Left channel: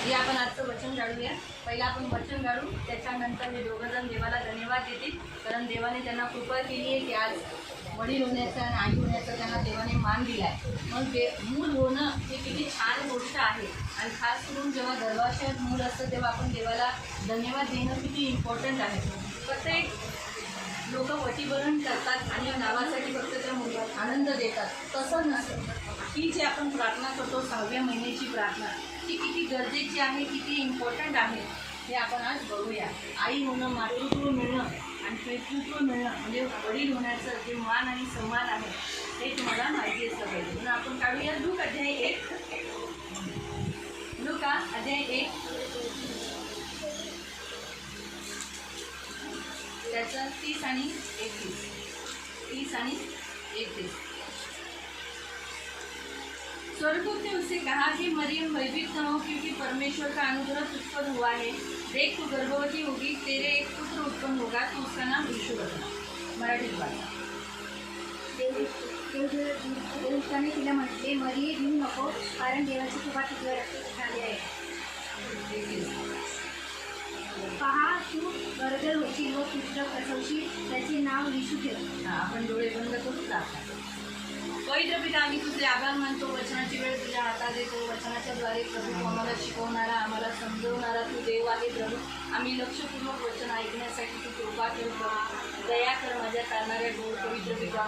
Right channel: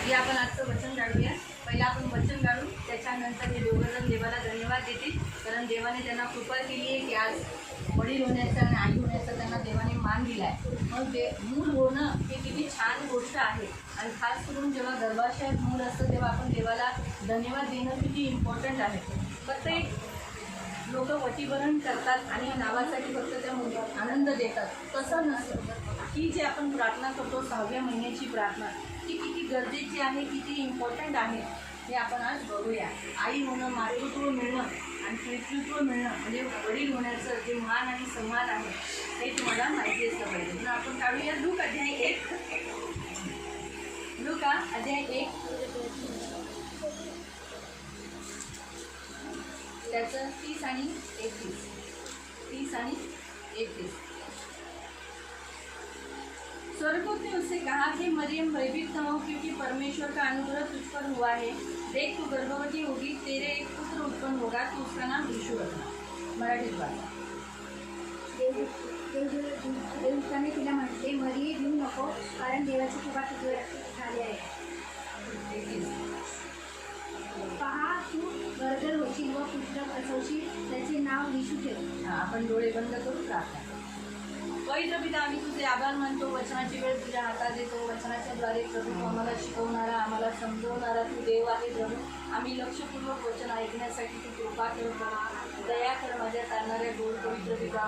हे आपण आजचं वचन काढूया। पहिला आपण वचन काढू, त्याच्यानंतर हे दोघं जण देवाला धन्यवाद देतील, कारण देवाने त्यांना कृपा केली आहे की आज वडील होण्याचा आणि आई होण्याचा त्यांना देवाने मान दिला आहे। मग ते मूल होणं हे किती छान गोष्ट आहे आणि खास करून जेव्हा गर्भाशयात मूल असतं तेव्हा आपण देवाला धन्यवाद देणं किती इम्पॉर्टंट आहे। प्रत्येक लोक वटीभरण करतात आणि नावासाठी फक्त त्या मुलाला आनंद देतात, तसं नसतं। ही जी आपण प्रार्थना करतो 6व्या महिन्याची प्रार्थना, ती किती गरजेची आहे, किती इम्पॉर्टंट आहे हे आपण आज बघूया। आई होणं, मातृत्व मिळणं आणि पितृत्व मिळणं म्हणजे वडील होण्याचं जे मान आणि सन्मान आहे हे तुम्हाला माहिती असलं पाहिजे। म्हणून आपण काढूया लूक अध्याय 1, लूका अध्याय 1 त्याचं 30 आणि 31, 30 आणि 31। स्वर्गदूत ने उससे कहा कि मरियम भयभीत न हो, क्योंकि परमेश्वर का अनुग्रह तुझ पर हुआ है। देख तू गर्भवती होगी, तेरे एक पुत्र उत्पन्न होगा, तू उसका नाम यीशु रखना। मराठीत वाचा। देवदूताने तिला म्हटले, मरिये भिवू नको, कारण देवाची कृपा तुझ्यावर झाली आहे। पहा तू गरोदर होशील व पुत्र प्रसवशील, त्याचे नाव येशू ठेव। आपण डोळे बंद करून प्रार्थना। पवित्र पिता, आम्ही तुझे आभार मानतो, वचनाची वेळ तुझ्या हातात देतो। वचनाच्याद्वारे प्रभू तू आम्हाला शिकवणारा, आम्हाला समजवणारा तू देव आहे प्रभू। आम्ही लक्षपूर्वक वचन ऐकण्यासाठी तू कृपा कर प्रभू, दया कर माझ्या चालणाऱ्या गोड पवित्र पिता।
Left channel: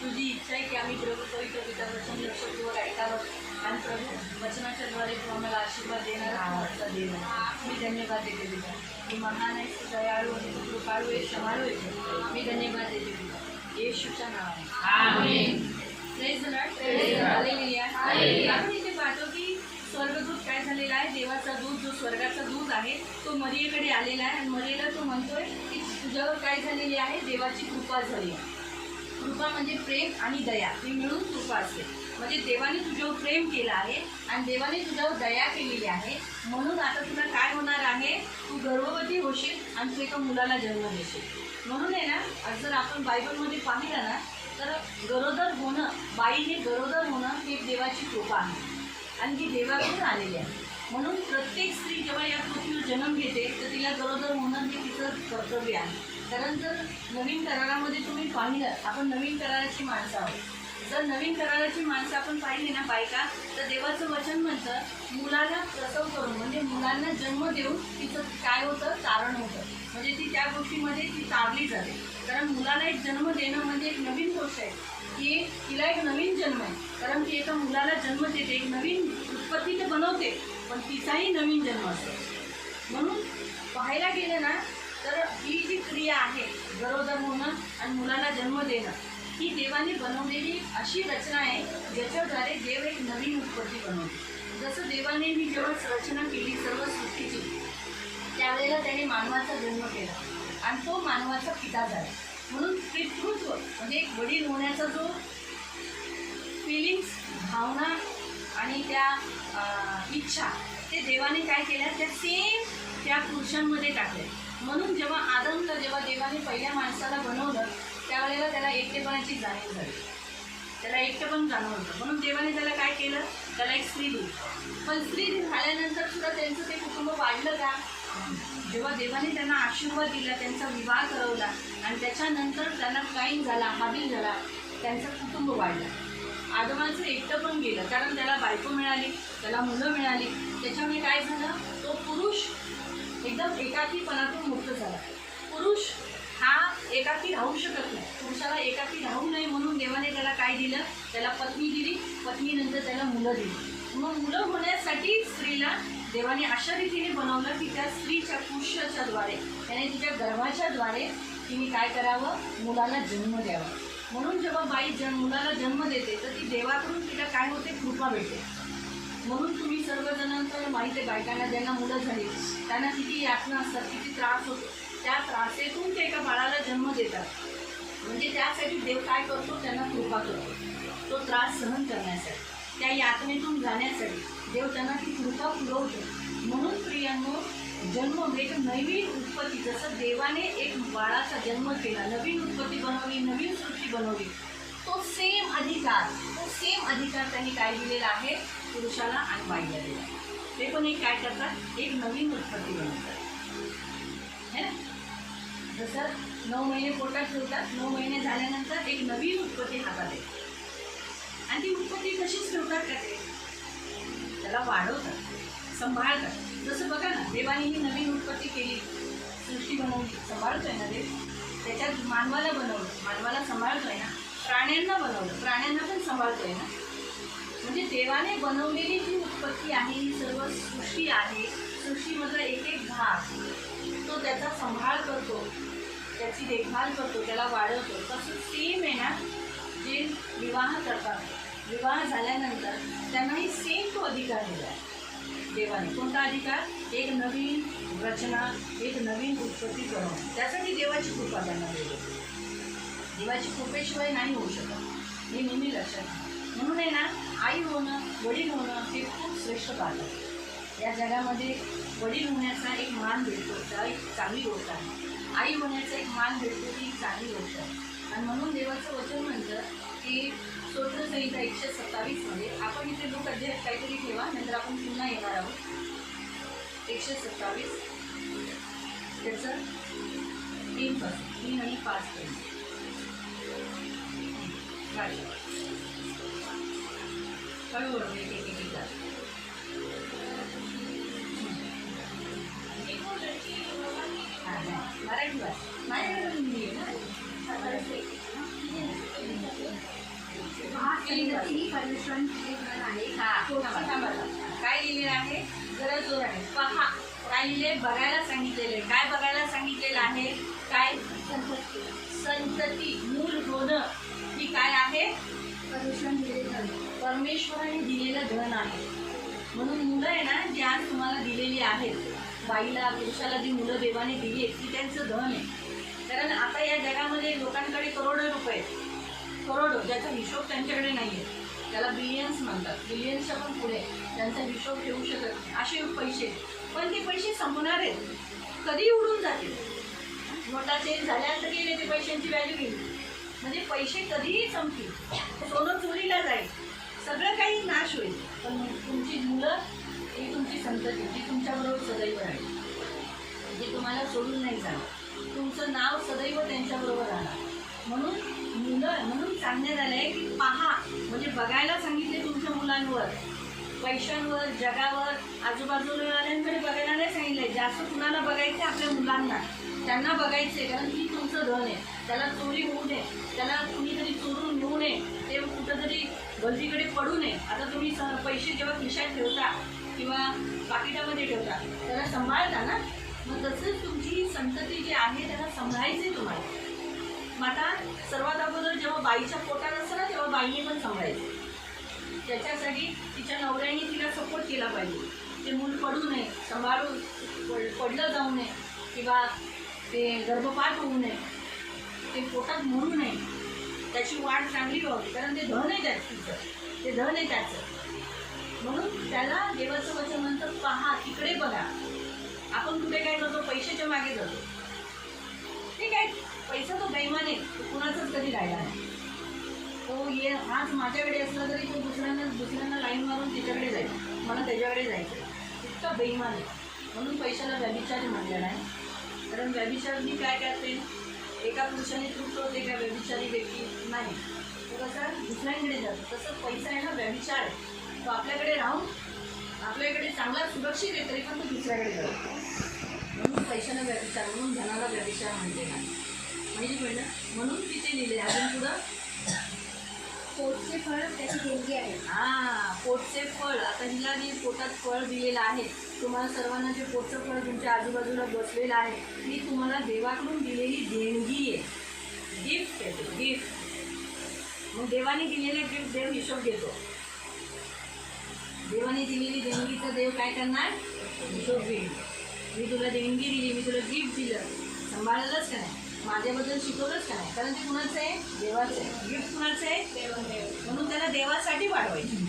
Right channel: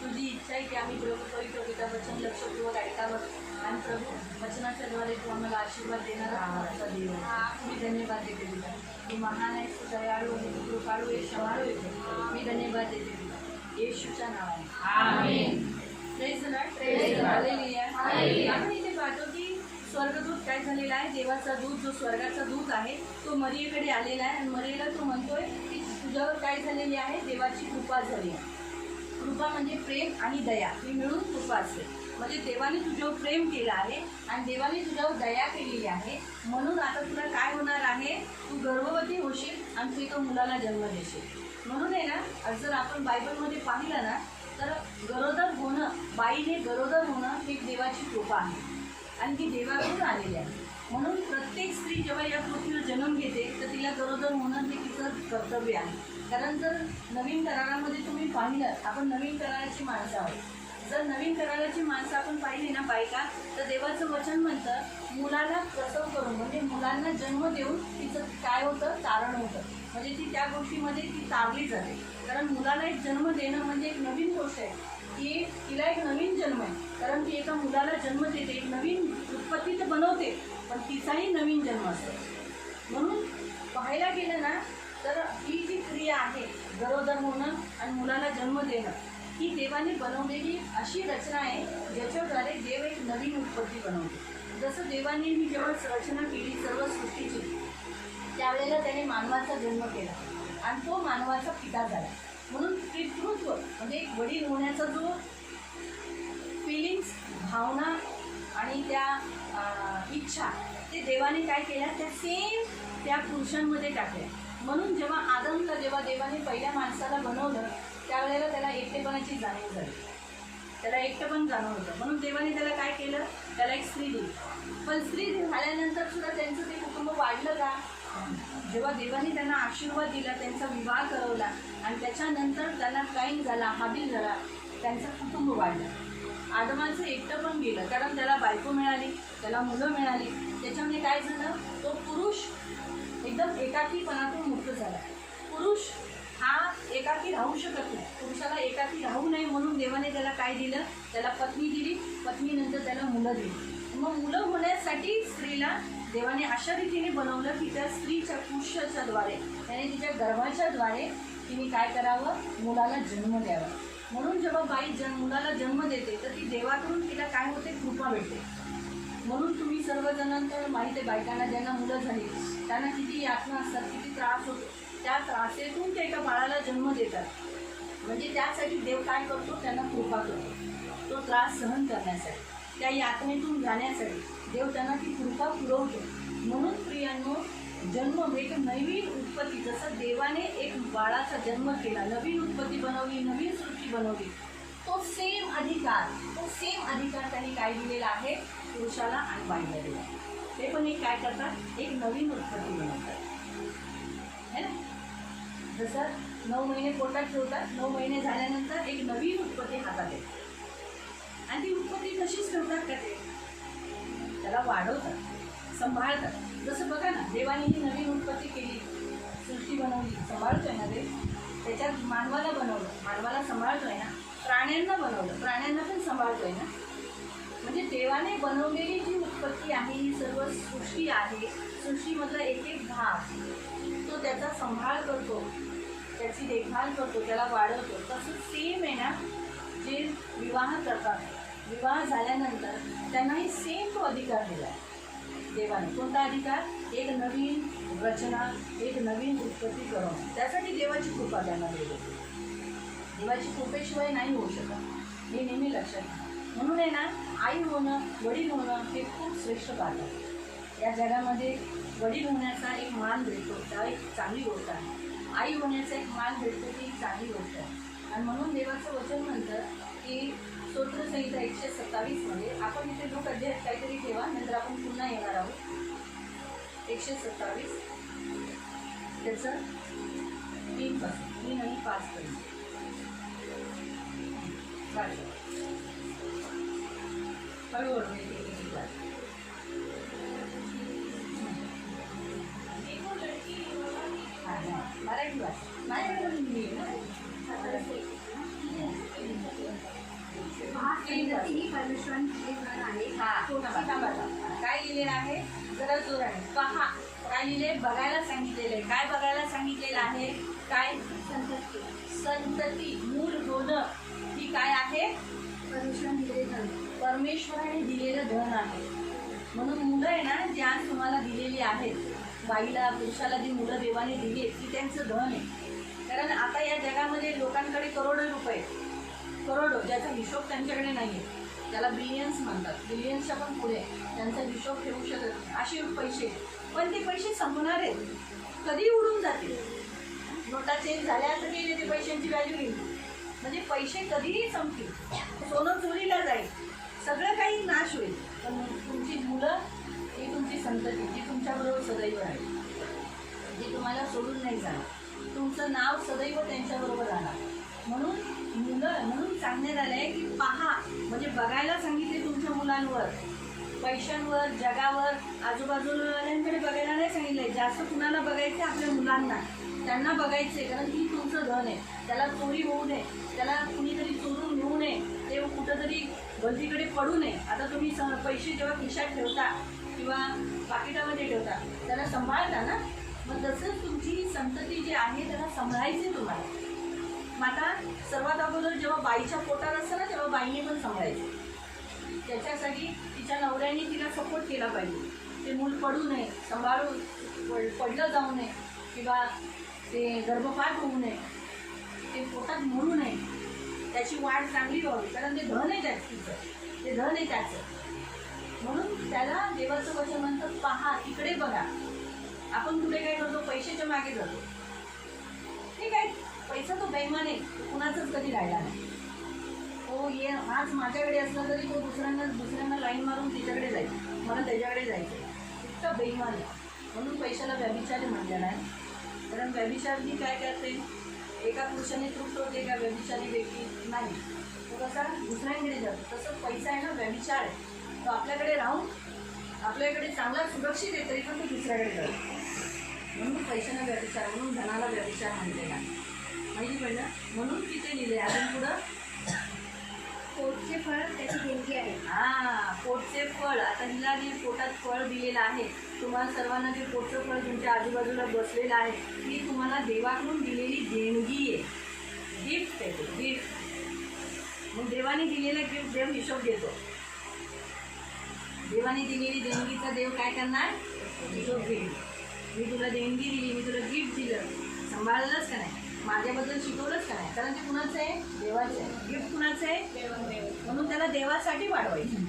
तुझी इच्छा आहे की आम्ही प्रभू पवित्र पिता वचन लक्षपूर्वक ऐकावं आणि प्रभू वचनाच्याद्वारे तू आम्हाला आशीर्वाद देणारा आमचा देव आहे। मी धन्यवाद देते पिता, तू महान आहेस, तू दयाळू आहे, तू कृपाळू आहे, क्षमाळू आहे। मी धन्यवाद देते पिता येशूच्या नावाने, आमेन। Praise the Lord, hallelujah. आपण इथे पाहतो की स्वर्गदूत काय झालेला आहे, देवाचा दूत जो स्वर्गाचा दूत आहे तो मरियेकडे आलेला आहे आणि मरियेला तो म्हणतोय की तुझ्यावर काय झालेली आहे, देवाची कृपा झाली आहे। कृपा म्हणजे प्रेम आणि दया, ही मिळून कृपा असते। म्हणजे देवाने तुझ्यावर प्रेम केलं आहे आणि देवाने तुझ्यावर दया केलेली आहे, म्हणून आता तुला काय होणार आहे, तू गर्भवती होशील आणि तू एका मुलाला जन्म देशील। म्हणून आहे ना, आज जर आपण बायबलमध्ये पाहिलं ना तर गरोदर होणं, बाईने गरोदर होणं ही देवाची कृपा आहे आणि ती देवाकडून आलेली आहे। म्हणून प्रत्येक स्त्री जेव्हा या पृथ्वीवर जन्म घेते तर तिला गरोदर होणं हे तिचं कर्तव्य आहे। कारण जर नवीन करारामध्ये तुम्ही पाहिलं, आपण नवीन कराराची माणसं आहोत, जर नवीन कराराची माणसं आपण पाहिली ना बायका, तर देवाचं वचन म्हणतं मुलाला प्रसव करून म्हणजे मुलांना जन्म देऊन तिचं काय होतं, तारण होतं। म्हणजे ती त्या गोष्टीमध्ये ती तारली जाते। कारण मुलाला एक जन्म देणं म्हणजे एक नवीन गोष्ट आहे की तिला एक नवीन जन्म आहे, कारण ती एका मुलाला जन्म देते, एक नवीन उत्पत्ती तर बनवते पण तिचाही नवीन जन्म असतो। म्हणून पाहायला गेलं ना तर ही जी क्रिया आहे गरोदर होणं आणि मुलाला जन्म देणं, ही देवाने बनवलेली अशी रचना आहे ज्याच्याद्वारे देव एक नवीन उत्पत्ती बनवते। जसं देवाने ही जेव्हा रचना केली सर्व सृष्टीची, त्यावेळेला त्याने मानवाचा जन्म केला आणि तो मानवाचा पिता झाला। म्हणून पितृत्व म्हणजे एक वडील होण्याचा जो फिलिंग्स, भावना आणि त्या इच्छा, ते देवाने काय केल्या, त्या सेम त्या पुरुषांमध्ये टाकल्या। म्हणून जेव्हा आदमला जेव्हा देवाने पहिल्या माणसाला बनवलं त्यावेळेला त्याला एकटेपणाची जाणीव झाली, त्याला एकटेपण जाणवलं होतं। म्हणून देवाने त्याला काय केलं, त्याला एक स्त्री दिली। पण स्त्री झाल्यानंतर सुद्धा त्यांचं ते कुटुंब वाढलं का, जेव्हा देवाने त्यांना आशीर्वाद दिला, त्यांचा विवाह करवला आणि त्याच्यानंतर त्यांना काईन झाला, हाबील झाला, त्यांचं कुटुंब वाढलं। आदमाचं एकटं पण गेलं, कारण त्याला बायको मिळाली, त्याला मुलं मिळाली, त्याच्यामुळे काय झालं, तो पुरुष एकदम एकाकीपणातून मुक्त झाला। पुरुष हा एकाकी राहू शकत नाही, पुरुषाला एकाकी राहू नये म्हणून देवाने त्याला काय दिलं, त्याला पत्नी दिली, पत्नीनंतर त्याला मुलं दिली। मग मुलं होण्यासाठी स्त्रीला देवाने अशा रीतीने बनवलं की त्या स्त्रीच्या पुरुषाच्या द्वारे, त्याने तिच्या गर्भाच्या द्वारे तिने काय करावं, मुलाला जन्म द्यावा। म्हणून जेव्हा बाई मुलाला जन्म देते तर ती देवाकडून तिला काय होते, कृपा भेटते। म्हणून तुम्ही सर्वजणांना माहिती आहे, बायकांना ज्यांना मुलं झाली त्यांना किती यातना असतात, किती त्रास होतो, त्या त्रासेतून ते एका बाळाला जन्म देतात। म्हणजे त्यासाठी देव काय करतो, त्यांना कृपा करतो, तो त्रास सहन करण्यासाठी, त्या यातनेतून जाण्यासाठी देव त्यांना ती कृपा पुरवतो। म्हणून प्रियांनो, जन्म एक नवीन उत्पत्ती, जसं देवाने एक बाळाचा जन्म केला, नवीन उत्पत्ती बनवली, नवीन सृष्टी बनवली, तो तो सेम अधिकार त्यांनी काय दिलेला आहे, पुरुषाला आणि बाईला दिला आहे. ते पण एक काय करतात, एक नवीन उत्पत्ती बनवतात है ना. जसं 9 महिने पोटात ठेवतात, 9 महिने झाल्यानंतर एक नवीन उत्पत्ती हातात येते. आणि ती उत्पत्ती कशीच ठेवतात का ते, त्याला वाढवतात, सांभाळतात. जसं बघा ना, देवाने ही नवीन उत्पत्ती केली, सृष्टी बनवली, सांभाळतोय ना देव. त्याच्यात मानवाला बनवलं, मानवाला सांभाळतोय ना. प्राण्यांना बनवलं, प्राण्यांना पण सांभाळतोय ना. म्हणजे देवाने बनवलेली जी उत्पत्ती आहे, ही सर्व सृष्टी आहे, सृष्टीमधला एक एक भाग तो त्याचा सांभाळ करतो, त्याची देखभाल करतो, त्याला वाढवतो. तसं सेम आहे ना, जे विवाह करतात, विवाह झाल्यानंतर त्यांनाही सेम तो अधिकार दिला आहे देवाने. कोणता अधिकार, एक नवीन रचना, एक नवीन उत्पत्ती करणं. त्यासाठी देवाची कृपा त्यांना दिली. देवाची कृपेशिवाय नाही होऊ शकत, हे नेहमी लक्षात घ्या. म्हणून आहे ना, आई होणं, वडील होणं हे खूप श्रेष्ठ बात आहे. या जगामध्ये वडील होण्याचा एक मान भेटतो, त्याला एक चांगली गोष्ट आहे. आई होण्याचा एक मान भेटतो, ती एक चांगली गोष्ट आहे. आणि म्हणून देवाचं वचन म्हणतं की स्तोत्रसंहिता 127 मध्ये, आपण इथे लोक अध्याय काहीतरी ठेवा, नंतर आपण पुन्हा येणार आहोत. 127 त्याचं 3 आणि 5 पर्यंत. हळूहळू मराठी भाषा माझ्याकडे पण हिंदी आहे ना. काय लिहिलेलं आहे, जरा जोराने पहा. काय लिहिले, बघायला सांगितलेलं आहे. काय बघायला सांगितलेलं आहे, काय, संतती, मूल होणं, ही काय आहे, परमेश्वराने दिलेलं धन आहे. म्हणून मुलं आहे ना, जी आज तुम्हाला दिलेली आहेत, बाईला पुरुषाला जी मुलं देवाने दिली आहेत, ती त्यांचं धन आहे. कारण आता या जगामध्ये लोकांकडे करोडो रुपये, करोडो, ज्याचा हिशोब त्यांच्याकडे नाही आहे, त्याला बिलियन्स म्हणतात, बिलियन्सच्या पण पुढे त्यांचा हिशोब ठेवू शकत नाही, असे पैसे. पण ते पैसे संपणार आहेत, कधी उडून जातील. नोटा चेंज झाल्या तरी ते पैशांची व्हॅल्यू गेली. म्हणजे पैसे कधीही संपतील, सोनं चोरीला जाईल, सगळं काही नाश होईल. पण तुमची मुलं, ही तुमची संतती, ती तुमच्याबरोबर सदैव राहील, जी तुम्हाला सोडून नाही जाणार. तुमचं नाव सदैव त्यांच्याबरोबर राहणार. म्हणून मुलं, म्हणून सांगण्यात आलं आहे की पहा, म्हणजे बघायला सांगितले तुमच्या मुलांवर, पैशांवर, जगावर, आजूबाजूवाल्यांकडे बघायला नाही सांगितलं. जास्त कुणाला बघायचं, आपल्या मुलांना, त्यांना बघायचे. कारण ती तुमचं धन आहे, त्याला चोरी होऊ नये, त्याला कुणीतरी चोरून घेऊ नये, ते कुठंतरी गलतीकडे पडू नये. आता तुम्ही पैसे जेव्हा खिशात ठेवता किंवा पाकिटामध्ये ठेवता, त्याला सांभाळता ना. मग तसंच तुमची संतती जी आहे त्याला सांभाळायची आहे तुम्हाला. मग आता सर्वात अगोदर जेव्हा बाईच्या पोटात असतं ना, तेव्हा बाईने पण सांभाळायचं. त्याच्यासाठी तिच्या नवऱ्याने तिला सपोर्ट केला पाहिजे. ते मूल पडू नये, सांभाळून पडलं जाऊ नये, किंवा ते गर्भपात होऊ नये, ते पोटात मरू नये, त्याची वाढ चांगली व्हावी. कारण ते धन आहे तिचं, ते धन आहे त्याचं. म्हणून त्याला देवाचं वचन म्हणतं, पहा, तिकडे बघा. आपण कुठे काय करतो, पैशाच्या मागे जातो. ठीक आहे, पैसा तो बेईमान आहे, तो कुणाचाच कधी राहिला नाही. तो आज माझ्याकडे असला तरी तो दुसऱ्यांना लाईन मारून तिच्याकडे जाईल, मला त्याच्याकडे जायचं, इतका बेईमान आहे. म्हणून पैशाला व्यभिचारी म्हटलेला आहे. कारण व्यभिचारी काय करते, एका पुरुषाने तृप्त होते का व्यभिचारी व्यक्ती नाही, तो कसा दुसऱ्यांकडे जातो. तसं पैसा आहे ना, व्यभिचार आहे. तो आपल्याकडे राहून आपल्याकडे चांगला सुरक्षित आहे, तरी पण तो दुसऱ्याकडे जातो. म्हणून पैशाला व्यभिचार, म्हणून धनाला व्यभिचार म्हणलेला माहिती पडलं. म्हणून तिथे लिहिले. अजून पुढं, पोटचे फळ त्याची देणगी आहे. पोटचे फळ. आता हिला जे पोटात फळ दिलेलं आहे, तुम्हाला सर्वांना जे पोटचं फळ तुमच्या आजूबाजूला बसलेलं आहे, ही तुम्हाला देवाकडून दिलेली देणगी आहे, गिफ्ट आहे ते, गिफ्ट. मग देवाने दिलेलं गिफ्ट देव हिशोब घेतो. देवाने दिलेली देणगीचा देव काय करणार, हिशोब घेईल. मी तुला देणगी दिली, मी तुला गिफ्ट दिलं, सांभाळलंच का नाही, माझ्याबद्दल शिकवलंच का नाही. कारण ते कुणाचं आहे, देवाचं आहे. गिफ्ट कुणाचं आहे, म्हणून त्याला देवासाठी वाढवायचं,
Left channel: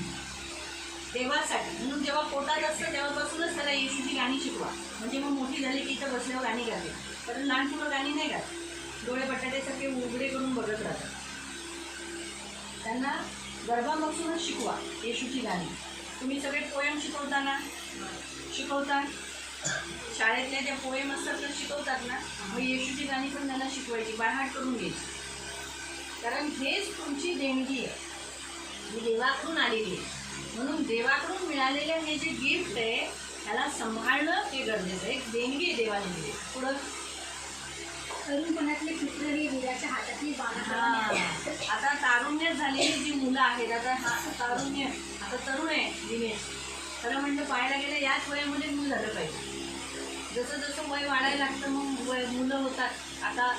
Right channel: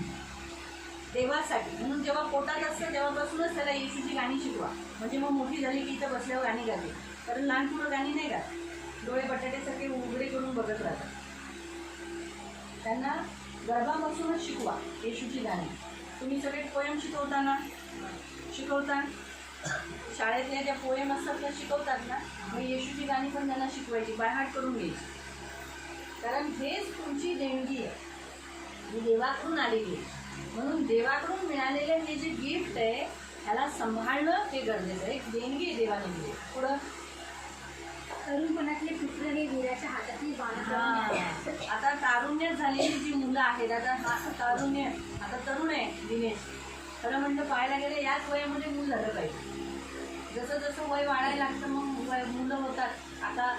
देवासाठी. म्हणून जेव्हा पोटात असतं तेव्हापासूनच त्याला येशूची गाणी शिकवा. म्हणजे मग मोठी झाली की इथं बसल्यावर गाणी गाते. कारण लहान मुलं गाणी नाही गात, डोळे बटाट्यासारखे उघडे करून बघत राहतात. त्यांना गर्भापासूनच शिकवा येशूची गाणी. तुम्ही सगळे पोयम शिकवता ना, शिकवता शाळेतले त्या पोयम असतात तर शिकवतात ना, मग येशूची गाणी पण त्यांना शिकवायची, बायहाट करून घ्यायची. कारण हेच तुमची देणगी आहे, ही देवाकडून आलेली आहे. म्हणून देवाकडून मिळालेलं हे जे गिफ्ट आहे ह्याला सांभाळणं हे गरजेचं आहे. एक देणगी आहे देवाने दिली. पुढं तरुणपणातले पुत्र हे देवाच्या हातातील बाण. आता तारुण्यात झालेली जी मुलं आहेत, आता हा तारुण्य, आता तरुण आहे दिनेश, खरं म्हणतं पाहायला गेलं याच वयामध्ये मूल झालं पाहिजे. जसं जसं वय वाढायला लागतं मग मुलं होतात. आता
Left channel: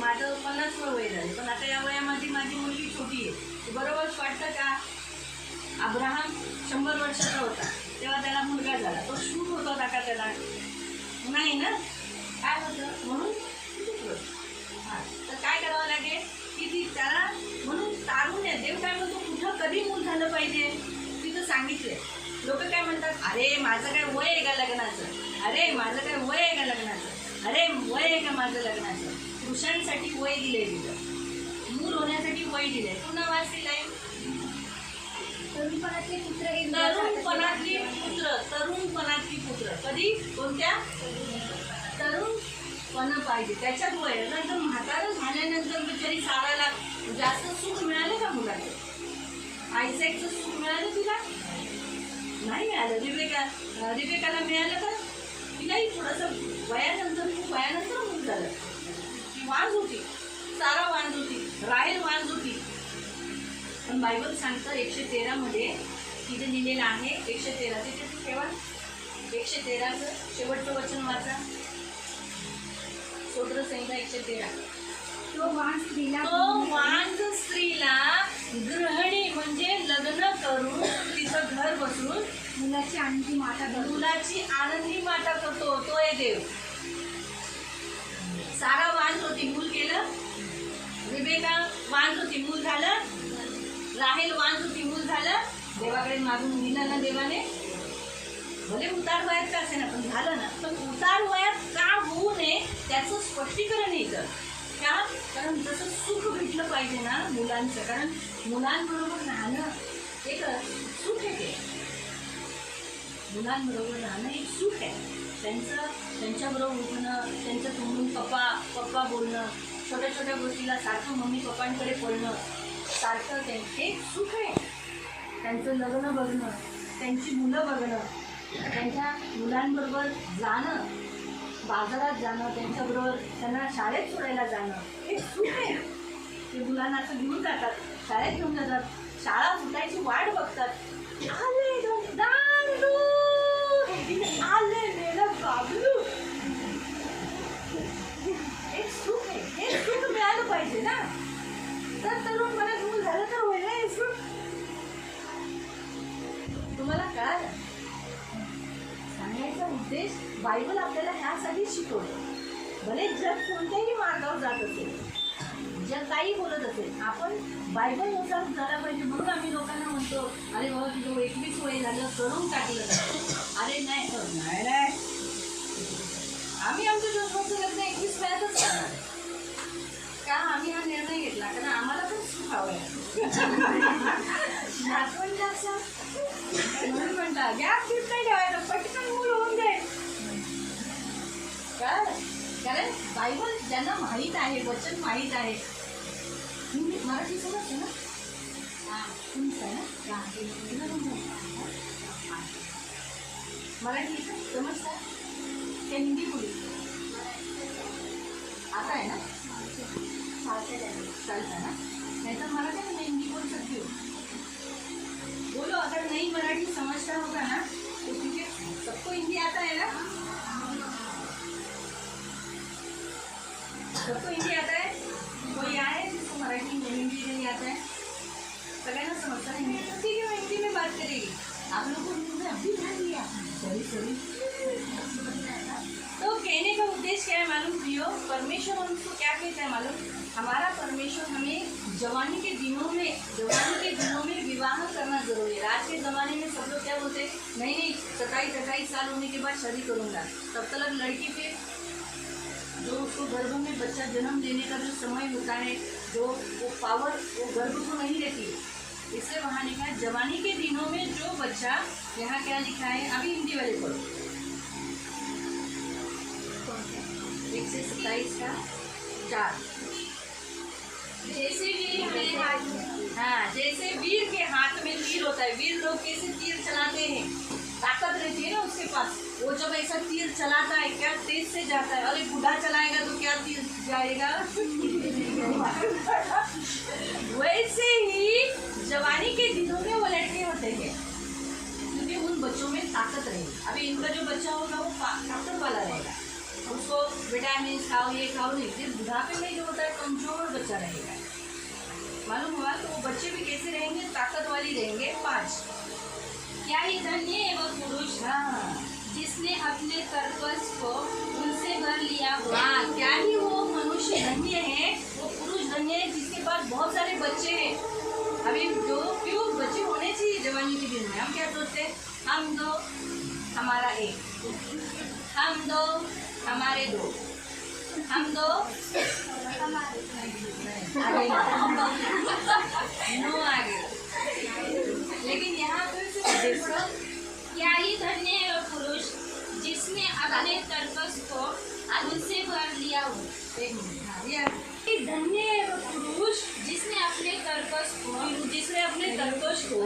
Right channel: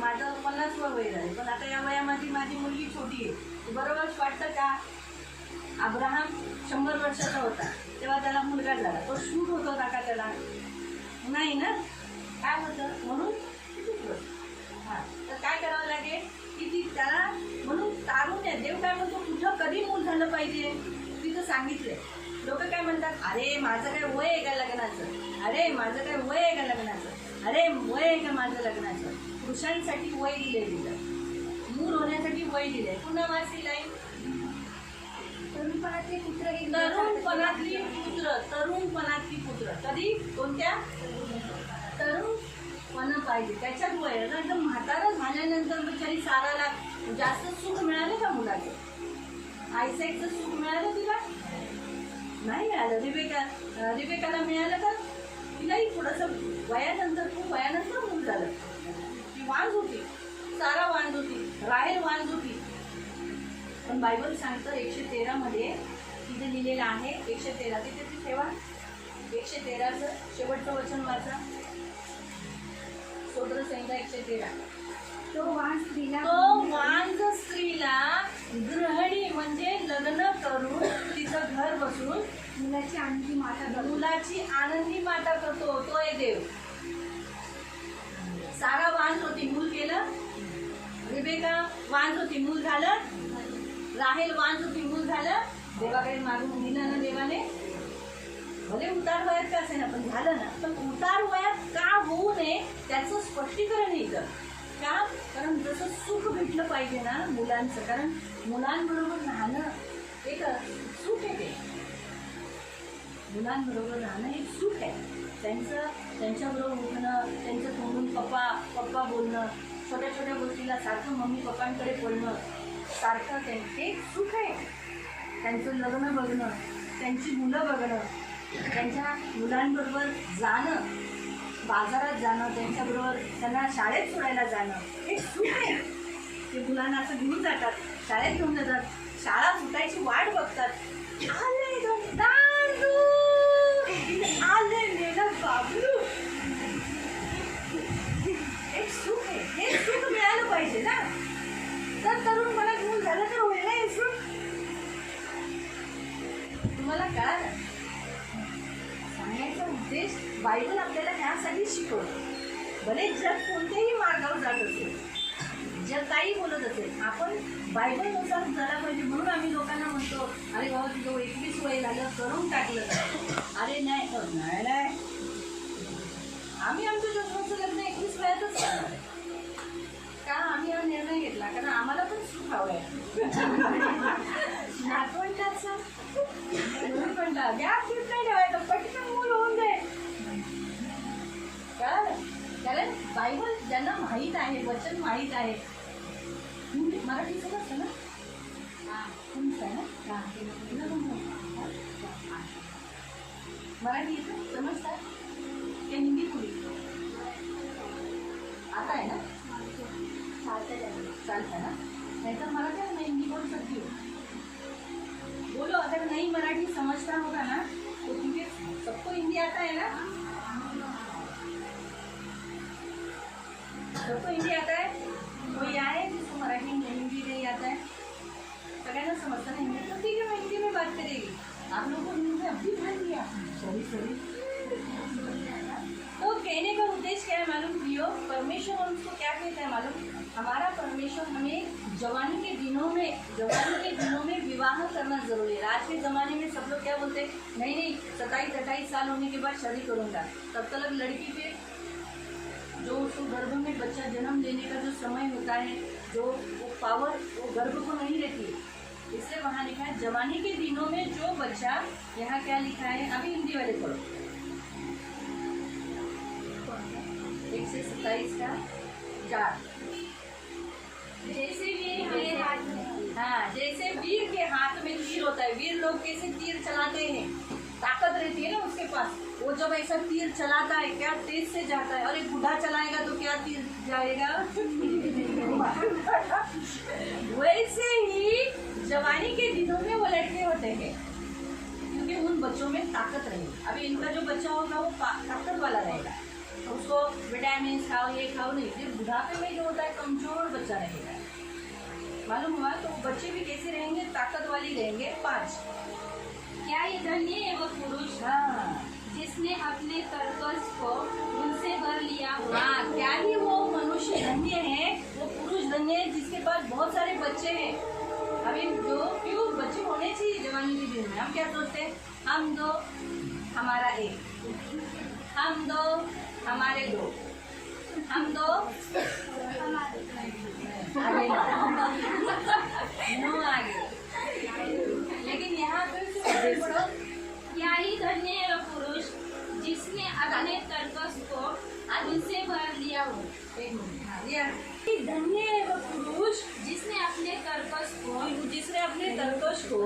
माझं 50 वय झाले, पण आता या वयामध्ये माझी मुलगी छोटी आहे. बरोबरच वाटतं का? अब्राहम 100 वर्षाचा होता तेव्हा त्याला मुलगा झाला, तो शूट होत होता का त्याला? नाही ना. काय होतं? म्हणून हां, तर काय करावं लागेल की ती त्याला, म्हणून तारुण्य देव काय म्हणतो कुठं कधी मूल झालं पाहिजे तिथं सांगितलंय. लोक काय म्हणतात, अरे माझं काय वय आहे का लग्नाचं, अरे माझं काय वय आहे का लग्नाचं, अरे वय आहे का माझं लग्नाचं. पुरुषांसाठी वय दिलंय तिथं, मूल होण्यासाठी वय दिलंय. पुन्हा वाच दिलाय तरुणपणातले पुत्र हे तरुणपणातली पुत्र, तरुणपणातली पुत्र कधी कोणत्या? तरुणपणा पाहिजे त्याच्यात वय. नंतर म्हातारं झाल्यानंतर बिचारी साराला जास्त सुख मिळालं का मुलाचं? आईसेकचं सुख मिळालं तिला? नाही मिळालं. रिबेकाला मिळालं का? तिलाही थोडंसं वयानंतर मूल झालं. ती वांज होती, सारा वांज होती, राहेल वांज होती. पण बायबल सांगतं 113 मध्ये तिथे लिहिलेलं आहे, 113 तिथे ठेवा, 113चं शेवटचं वचन वाचा. स्तोत्र संहिता 113. तो वांज स्त्रीला गृहिणी म्हणजे लग्न करून तिचं घर बसून मुलाची आनंदी माता करतो. तो आहे देव. सारा वांज होती, मूल केलं. रिबेका वांज होती, मूल झालं. राहेल वांज होती, मूल झालं. देवाकडे मागून दिलं ना देवाने, भले उतार वयात का असे ना पण झालं ना. पण उतार वयात का होऊ नये त्याचं स्पष्टीकरण येतं का? कारण जसं सुख भेटलं पाहिजे ना मुलांचं, कारण मुलांबरोबर राहणं एक सुख आहे. ते मुलांबरोबर राहणं एक सुख आहे. त्यांच्याबरोबर उठणं, त्यांचं तोंडून पप्पा पप्पा बोलणं, छोट्या छोट्या गोष्टीला सारखं मम्मी पप्पांकडे पळणं, सारखं हे सुख आहे. त्यांचं लग्न बघणं, त्यांची मुलं बघणं, त्यांच्या मुलांबरोबर जाणं, बाजारात जाणं, त्यांच्याबरोबर त्यांना शाळेत सोडायला जाणं हे सुख आहे. ते मुलांना असं घेऊन जातात, शाळेत घेऊन जातात, शाळा सुटायची वाट बघतात. आले दारू, आले नेलं बाबलू. एक सुख आहे, हे सुख मिळालं पाहिजे ना. तर तरुण मला घेऊन झालं तर होईल ना हे सुख. तुम्हाला कळालं? सांगायचा उद्देश बायबल आपल्याला ह्यासाठी शिकवतं. भले जग कोणत्याही मार्गावर जात असेल, जग काही बोलत असेल, आपण बायबलनुसार झाला पाहिजे. म्हणून आम्ही लोकांना म्हणतो, अरे बाबा तुझं 21 वय झालं करून टाकलं. अरे नाही नाही, आम्ही आमच्या जोडचं लग्न 21 वयातच करणार का? आम्ही हा निर्णय घेतला कारण आम्हाला पण सुख हवं आहे. नातवंडाचा म्हणून म्हणता गॅप फीट नाही ठेवायचं, पटकन मूल होऊन जाईल. कारण बायबल ज्यांना माहीत आहे, वचन माहीत आहे. मराठी समजतं ना? समजतं ना? मराठी समजतात ते हिंदी बोली आता है ना? चलता ना? नहीं तो मराठी में मैं हिंदी बोल सकती हूँ. बोलो, अगर नहीं मराठी समझता होगा ना तो, क्योंकि सबको हिंदी आता है ना? सबको हिंदी आता है? कोई आए जिसको मराठी हिंदी नहीं आता है? सगळ्यांना समझता नहीं हिंदी, तो ठीक है मैं हिंदी में बात करेगी. आप लोग को हिंदी में अभी ध्यान दिया. सॉरी. तो कहने का उद्देश्य क्या है मालूम प्रियो? परमेश्वर हमको क्या कहता है मालूम? हमारा परमेश्वर हमें जवानी के दिनों में विवाह करना जरूरी है. आज के ज़माने में सब लोग क्या बोलते हैं, नहीं 27-28 साल होने के बाद शादी करूँगा, तब तक लड़की पे जो उसको गर्भ में बच्चा जन्म लेने का जो समय होता है, जो वो पावर वो गर्भ को नहीं रहती है। इसलिए वहाँ लिखा है जवानी के दिनों में जो बच्चा, यहाँ क्या लिखा है, अभी हिंदी वाले पढ़ो 1 से 27 का 4। जैसे वीर हमारे हाथ में, हाँ, जैसे वीर के हाथ में तीर होता है। वीर लोग कैसे तीर चलाते हैं, ताकत रहती है ना उसके पास। वो जब ऐसा तीर चलाता है क्या तेज से जाता है, और एक बूढ़ा चलाएगा तो क्या तीर जाएगा वैसे ही जवानी के दिनों में वो लड़के होते हैं, क्योंकि उन बच्चों में ताकत रहेगी। अभी इनका जो बच्चा होगा वो ताकत वाला रहेगा, उसको विटामिन खाओ ये खाओ नहीं। फिर बुढ़ापे में जो होता है कमजोर बच्चा रहेगा, मालूम हुआ। तो वो बच्चे भी कैसे रहेंगे, ताकत वाली रहेंगे। 5, क्या ये धन्य है वो पुरुष हाँ जिसने अपने कर्कश को उनसे भर लिया हो। हाँ, क्या ही वो मनुष्य धन्य है, वो पुरुष धन्य है जिसके पास बहुत सारे बच्चे हैं। अभी जो क्यों बच्चे होने चाहिए जवानी के दिन में, हम क्या सोचते हैं, हम 2 हमारा 1, हम 2 हमारे 2, हम 2 आगे नो आगे। लेकिन यहाँ पे देखो क्या ही धन्य है वो पुरुष जिसने अपने कर्कश को उनसे भर लिया हो। एक मिनट, हाँ, ये धन्य है वो पुरुष जिसने अपने कर्कश को जिसने अपने कर्कश को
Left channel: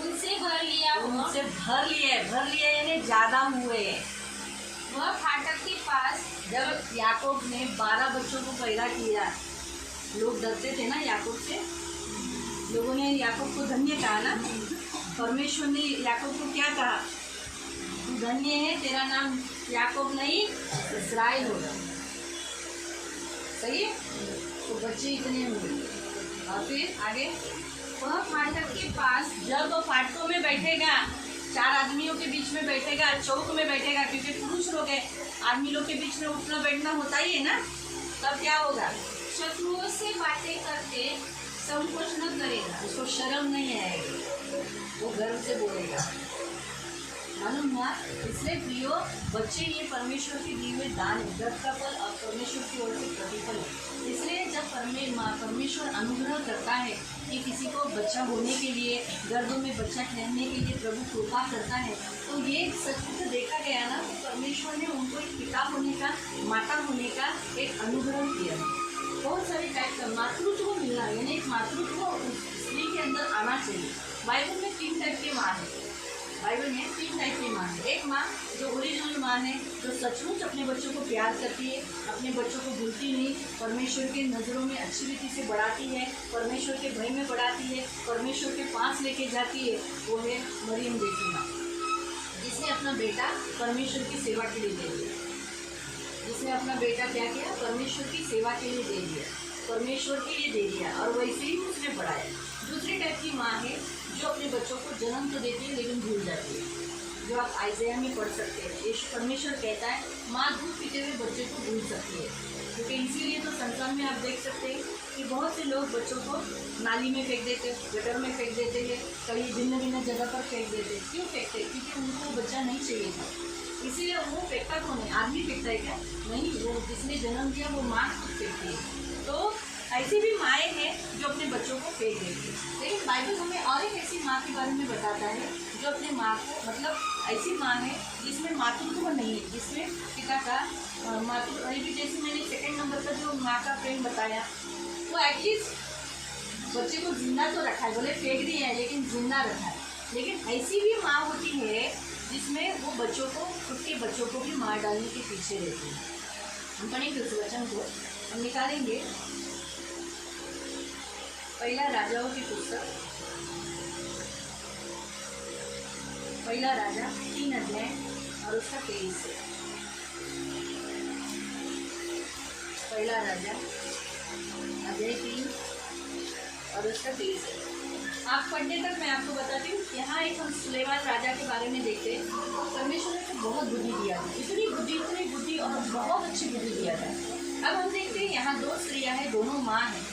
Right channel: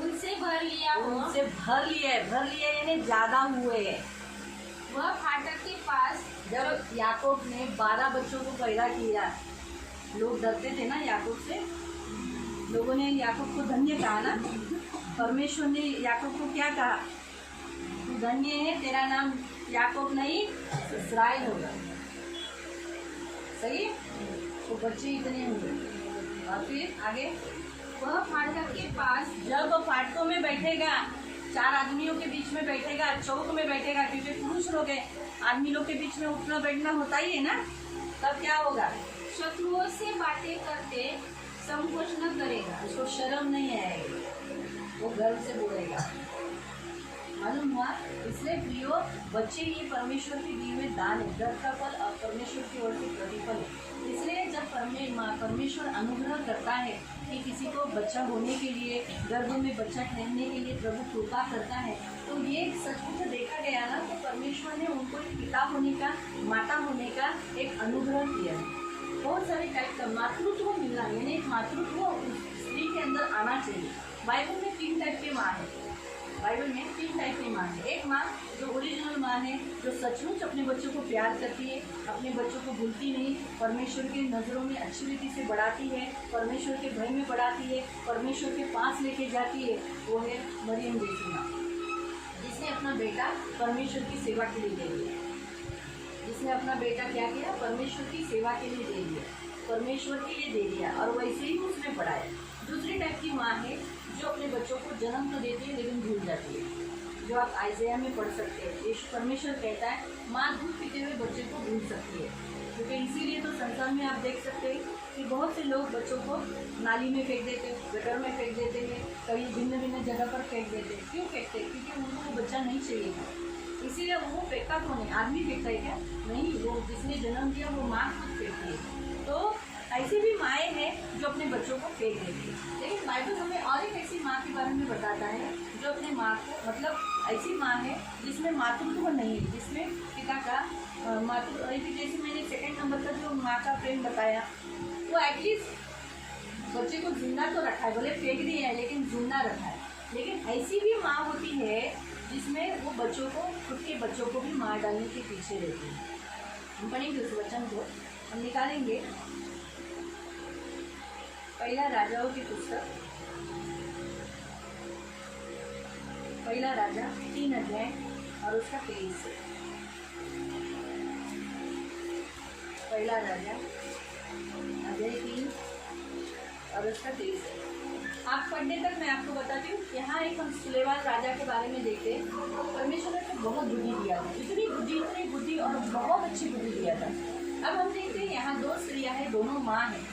उनसे भर लिया हो। उनसे भर लिया यानी ज्यादा हुए। वह फाटक के पास जब याकूब ने 12 बच्चों को पैदा किया, लोग डरते थे ना याकूब से, लोगों ने याकूब को धन्य कहा ना। परमेश्वर ने याकूब को क्या कहा, तू धन्य है, तेरा नाम याकूब नहीं इस्राएल होगा। सही, तो बच्चे इतने हुए। और फिर आगे, वह फाटक के पास जब वो फाटकों में बैठेगा, 4 आदमियों के बीच में बैठेगा, चौक में बैठेगा, क्योंकि पुरुष लोग है, आदमी लोग के बीच में उठना बैठना होता ही है ना, तब क्या होगा, शत्रुओं से बातें करते संकोच न करेगा। उसको शर्म नहीं आएगी, वो गर्व से बोलेगा। मालूम हुआ। इसलिए प्रियो बच्चे ये परमेश्वर की दी हुए दान है, गर्भ का फल और परमेश्वर की ओर से प्रतिफल है। इसलिए जब परमेश्वर अनुग्रह करता है कि किसी को बच्चा होने के लिए, गर्भ में बच्चा ठहरने के लिए प्रभु कृपा करता है, तो ये सचमुच देखा गया ना, तो परमेश्वर ने उनको एक पिता होने का, माता होने का एक अनुग्रह किया है। बहुत सारे टाइप का मातृत्व मिलना, यानी एक मातृत्व स्त्री के अंदर आना चाहिए। बाइबल में 3 टाइप की माँ है, बाइबल में 3 टाइप की माँ है। एक माँ जो ओरिजिनल माँ है, जो सचमुच अपने बच्चों को प्यार करती है, अपने बच्चों को भूलती नहीं, परमेश्वर की नज़रों में अच्छी रीति से बढ़ाती है, परमेश्वर के भय में बढ़ाती है, परमेश्वर के पास लेके जाती है, वो है मरियम जैसी माँ, जिसने अपना बेटा परमेश्वर की सेवा के लिए दे दिया। जिसने अपना बेटा क्या किया, परमेश्वर की सेवा के लिए दे दिया, परमेश्वर के लिए दे दिया, और वैसे ही उसने बढ़ाया। दूसरी टाइप की माँ है जो अपने बच्चों को जन्म तो देती है लेकिन भूल जाती है, जो आप आइज़ाया में पढ़ सकते हैं। यीशु परमेश्वर कहता है माँ दूध पीते हुए बच्चे को भूल सकती है, क्योंकि इसीलिए तो संसार में आप देख सकते हैं कि बहुत से लोग बच्चों को नाली में फेंक देते हैं, गटर में फेंक देते हैं, कहीं भिन्न भिन्न जगह पर फेंक देते हैं। क्यों फेंकते हैं, क्योंकि उनको बच्चा नहीं चाहिए था, इसीलिए वो फेंका तो नहीं। आदमी फेंकता है क्या, नहीं, वो जिसने जन्म दिया वो माँ खुद फेंकती है। तो ऐसी भी माएँ हैं जो अपने बच्चों को फेंक देती है। लेकिन बाइबल हमें और एक ऐसी माँ के बारे में बताता है जो अपने माँ को, मतलब ऐसी माँ है जिसमें मातृत्व नहीं है, जिसमें पिता का मातृ, अभी जैसे मैंने 2 नंबर का जो माँ का प्रेम बताया, वो एटलीस्ट बच्चे को जिंदा तो रखा है, भले फेंक दिया है लेकिन जिंदा रखा है। लेकिन ऐसी भी माँ होती है जिसमें वो बच्चों को, खुद के बच्चों को भी मार डालने के पीछे रहती है। हम पढ़ेंगे उस वचन को, हम निकालेंगे पहला राजाओं की पुस्तक, पहला राजा 3 अध्याय और उसका 23 से। पहला राजा अध्याय 3 और उसका 23 से। आप पढ़ने तक मैं आपको बताती हूँ। यहाँ एक हम सुलेमान राजा के बारे में देखते हैं। परमेश्वर ने तो बहुत बुद्धि दिया था, इतनी बुद्धि और बहुत अच्छी बुद्धि दिया था। अब हम देखते हैं यहाँ 2 स्त्रियाँ हैं, दोनों माँ हैं,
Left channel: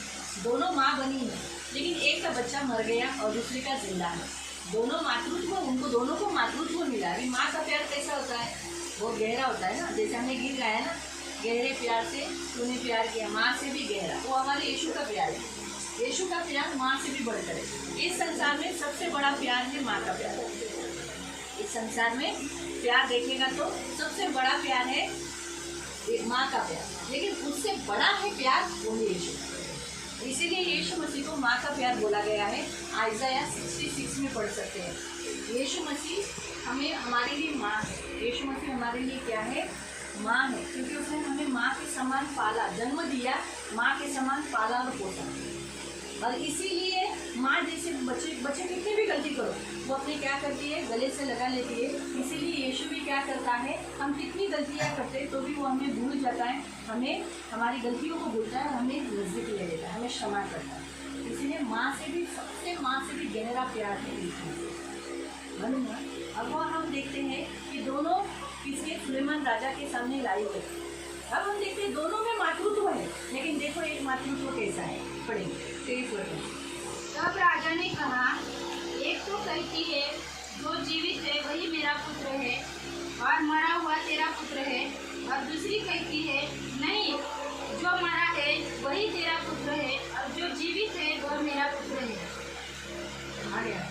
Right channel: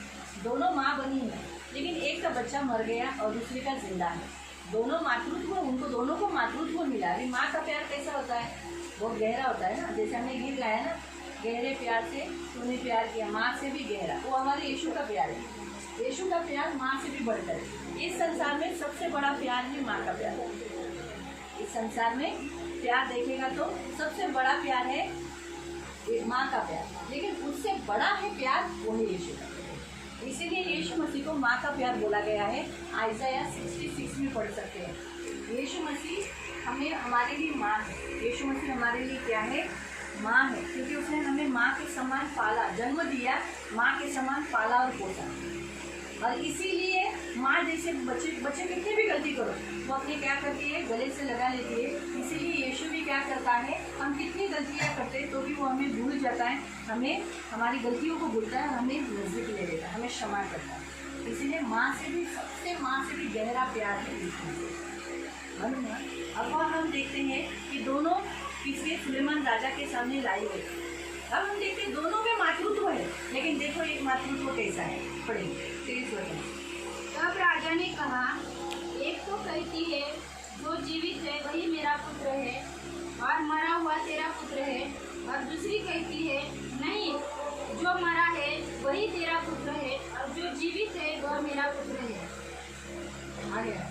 दोनों माँ बनी हैं, लेकिन एक का बच्चा मर गया और दूसरी का जिंदा है। दोनों मातृत्व, उनको दोनों को मातृत्व मिला। अभी माँ का प्यार कैसा होता है, बहुत गहरा होता है ना। जैसे हमने गीत गाया ना, गहरे प्यार से तूने प्यार किया, माँ से भी गहरा। वो हमारे यीशु का प्यार है। यीशु का प्यार माँ से भी बढ़कर है। इस संसार में सबसे बड़ा प्यार है माँ का प्यार। इस संसार में प्यार देखेगा तो सबसे बड़ा प्यार है एक माँ का प्यार, लेकिन उससे बड़ा है प्यार वो है यीशु का। इसीलिए यीशु मसीह को माँ का प्यार बोला गया है। आइज़ाया 66 में पढ़ सकते हैं। यीशु मसीह हमें हमारे लिए माँ है। यीशु मसीह हमारे लिए क्या है? माँ है, क्योंकि उसने हमें माँ के समान पाला, जन्म दिया, माँ के समान पाला और पोसा। और इसीलिए माँ जैसे बच्चे कितनी भी गलती करो वो अपनी क्या करती है, गले से लगा लेती है। इसीलिए यीशु भी क्या करता है, हम कितनी गलतियाँ करते हैं तो भी वो हमें भूल जाता है, हमें हमारी गलतियों को भूलता है, हमें नज़दीक ले लेता है, हमें क्षमा करता है। इसीलिए माँ से भी, सबसे माँ से भी गहरा प्यार है यीशु। अब वह हम देखते हैं कि दोनों किसके सुलेमान राजा के सामने लाई गई। अब हम देखते हैं दोनों में मातृत्व है, लेकिन देखो एक मातृत्व कैसा है, पढ़ेंगे 23 वचन। तब राजा ने कहा, एक तो कहती है जो जीवित है वही मेरा पुत्र है और मरा हुआ तेरा पुत्र है, और दूसरी कहती है नहीं, जो मरा है वही तेरा पुत्र है और जो जीवित है वह मेरा पुत्र है। आ गया।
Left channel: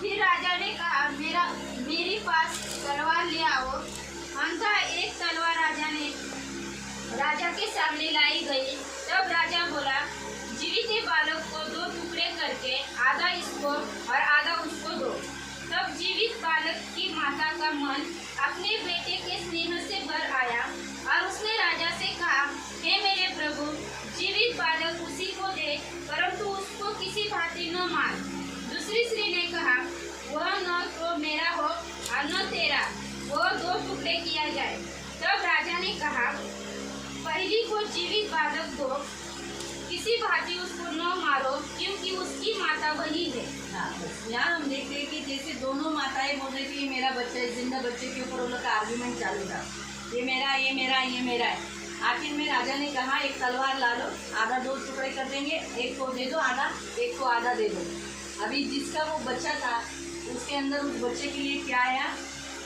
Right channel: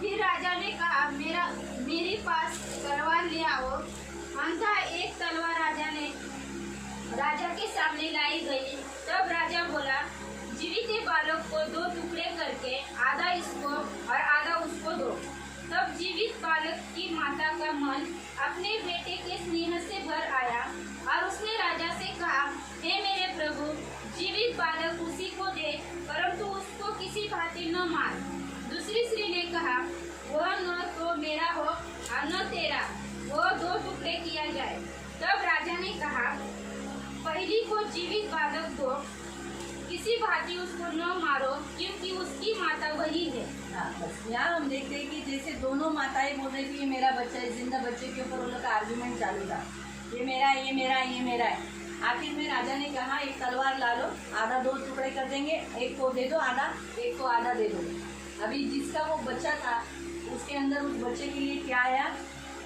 फिर राजा ने कहा, मेरे पास तलवार ले आओ। अंततः एक तलवार राजा के सामने लाई गई। तब राजा बोला, जीवित बालक को 2 टुकड़े करके आधा इसको और आधा उसको दो। तब जीवित बालक की माता का मन अपने बेटे के स्नेह से भर आया और उसने राजा से कहा, हे मेरे प्रभु, जीवित बालक उसी को दे, परंतु उसको किसी भांति न मार। दूसरी स्त्री ने कहा, वह न तो मेरा हो और न तेरा, वो 2 टुकड़े किया जाए। तब राजा ने कहा, पहली को जीवित बालक दो, किसी भांति उसको न मारो, क्योंकि उसकी माता वही है। यहाँ हम देखते हैं कि जैसे दोनों माताएं बोल रही थी ये मेरा बच्चा है, जिंदा बच्चे के ऊपर उन लोग का आर्ग्यूमेंट चालू था, ये मेरा, ये मेरा, ये मेरा है। आखिर में राजा ने कहा, एक तलवार ला लो, आधा 2 टुकड़े कर देंगे, एक को दे दो आधा, एक को आधा दे दो। अभी जिसका वो बच्चा था उसके अंदर उस बच्चे के लिए क्या आया,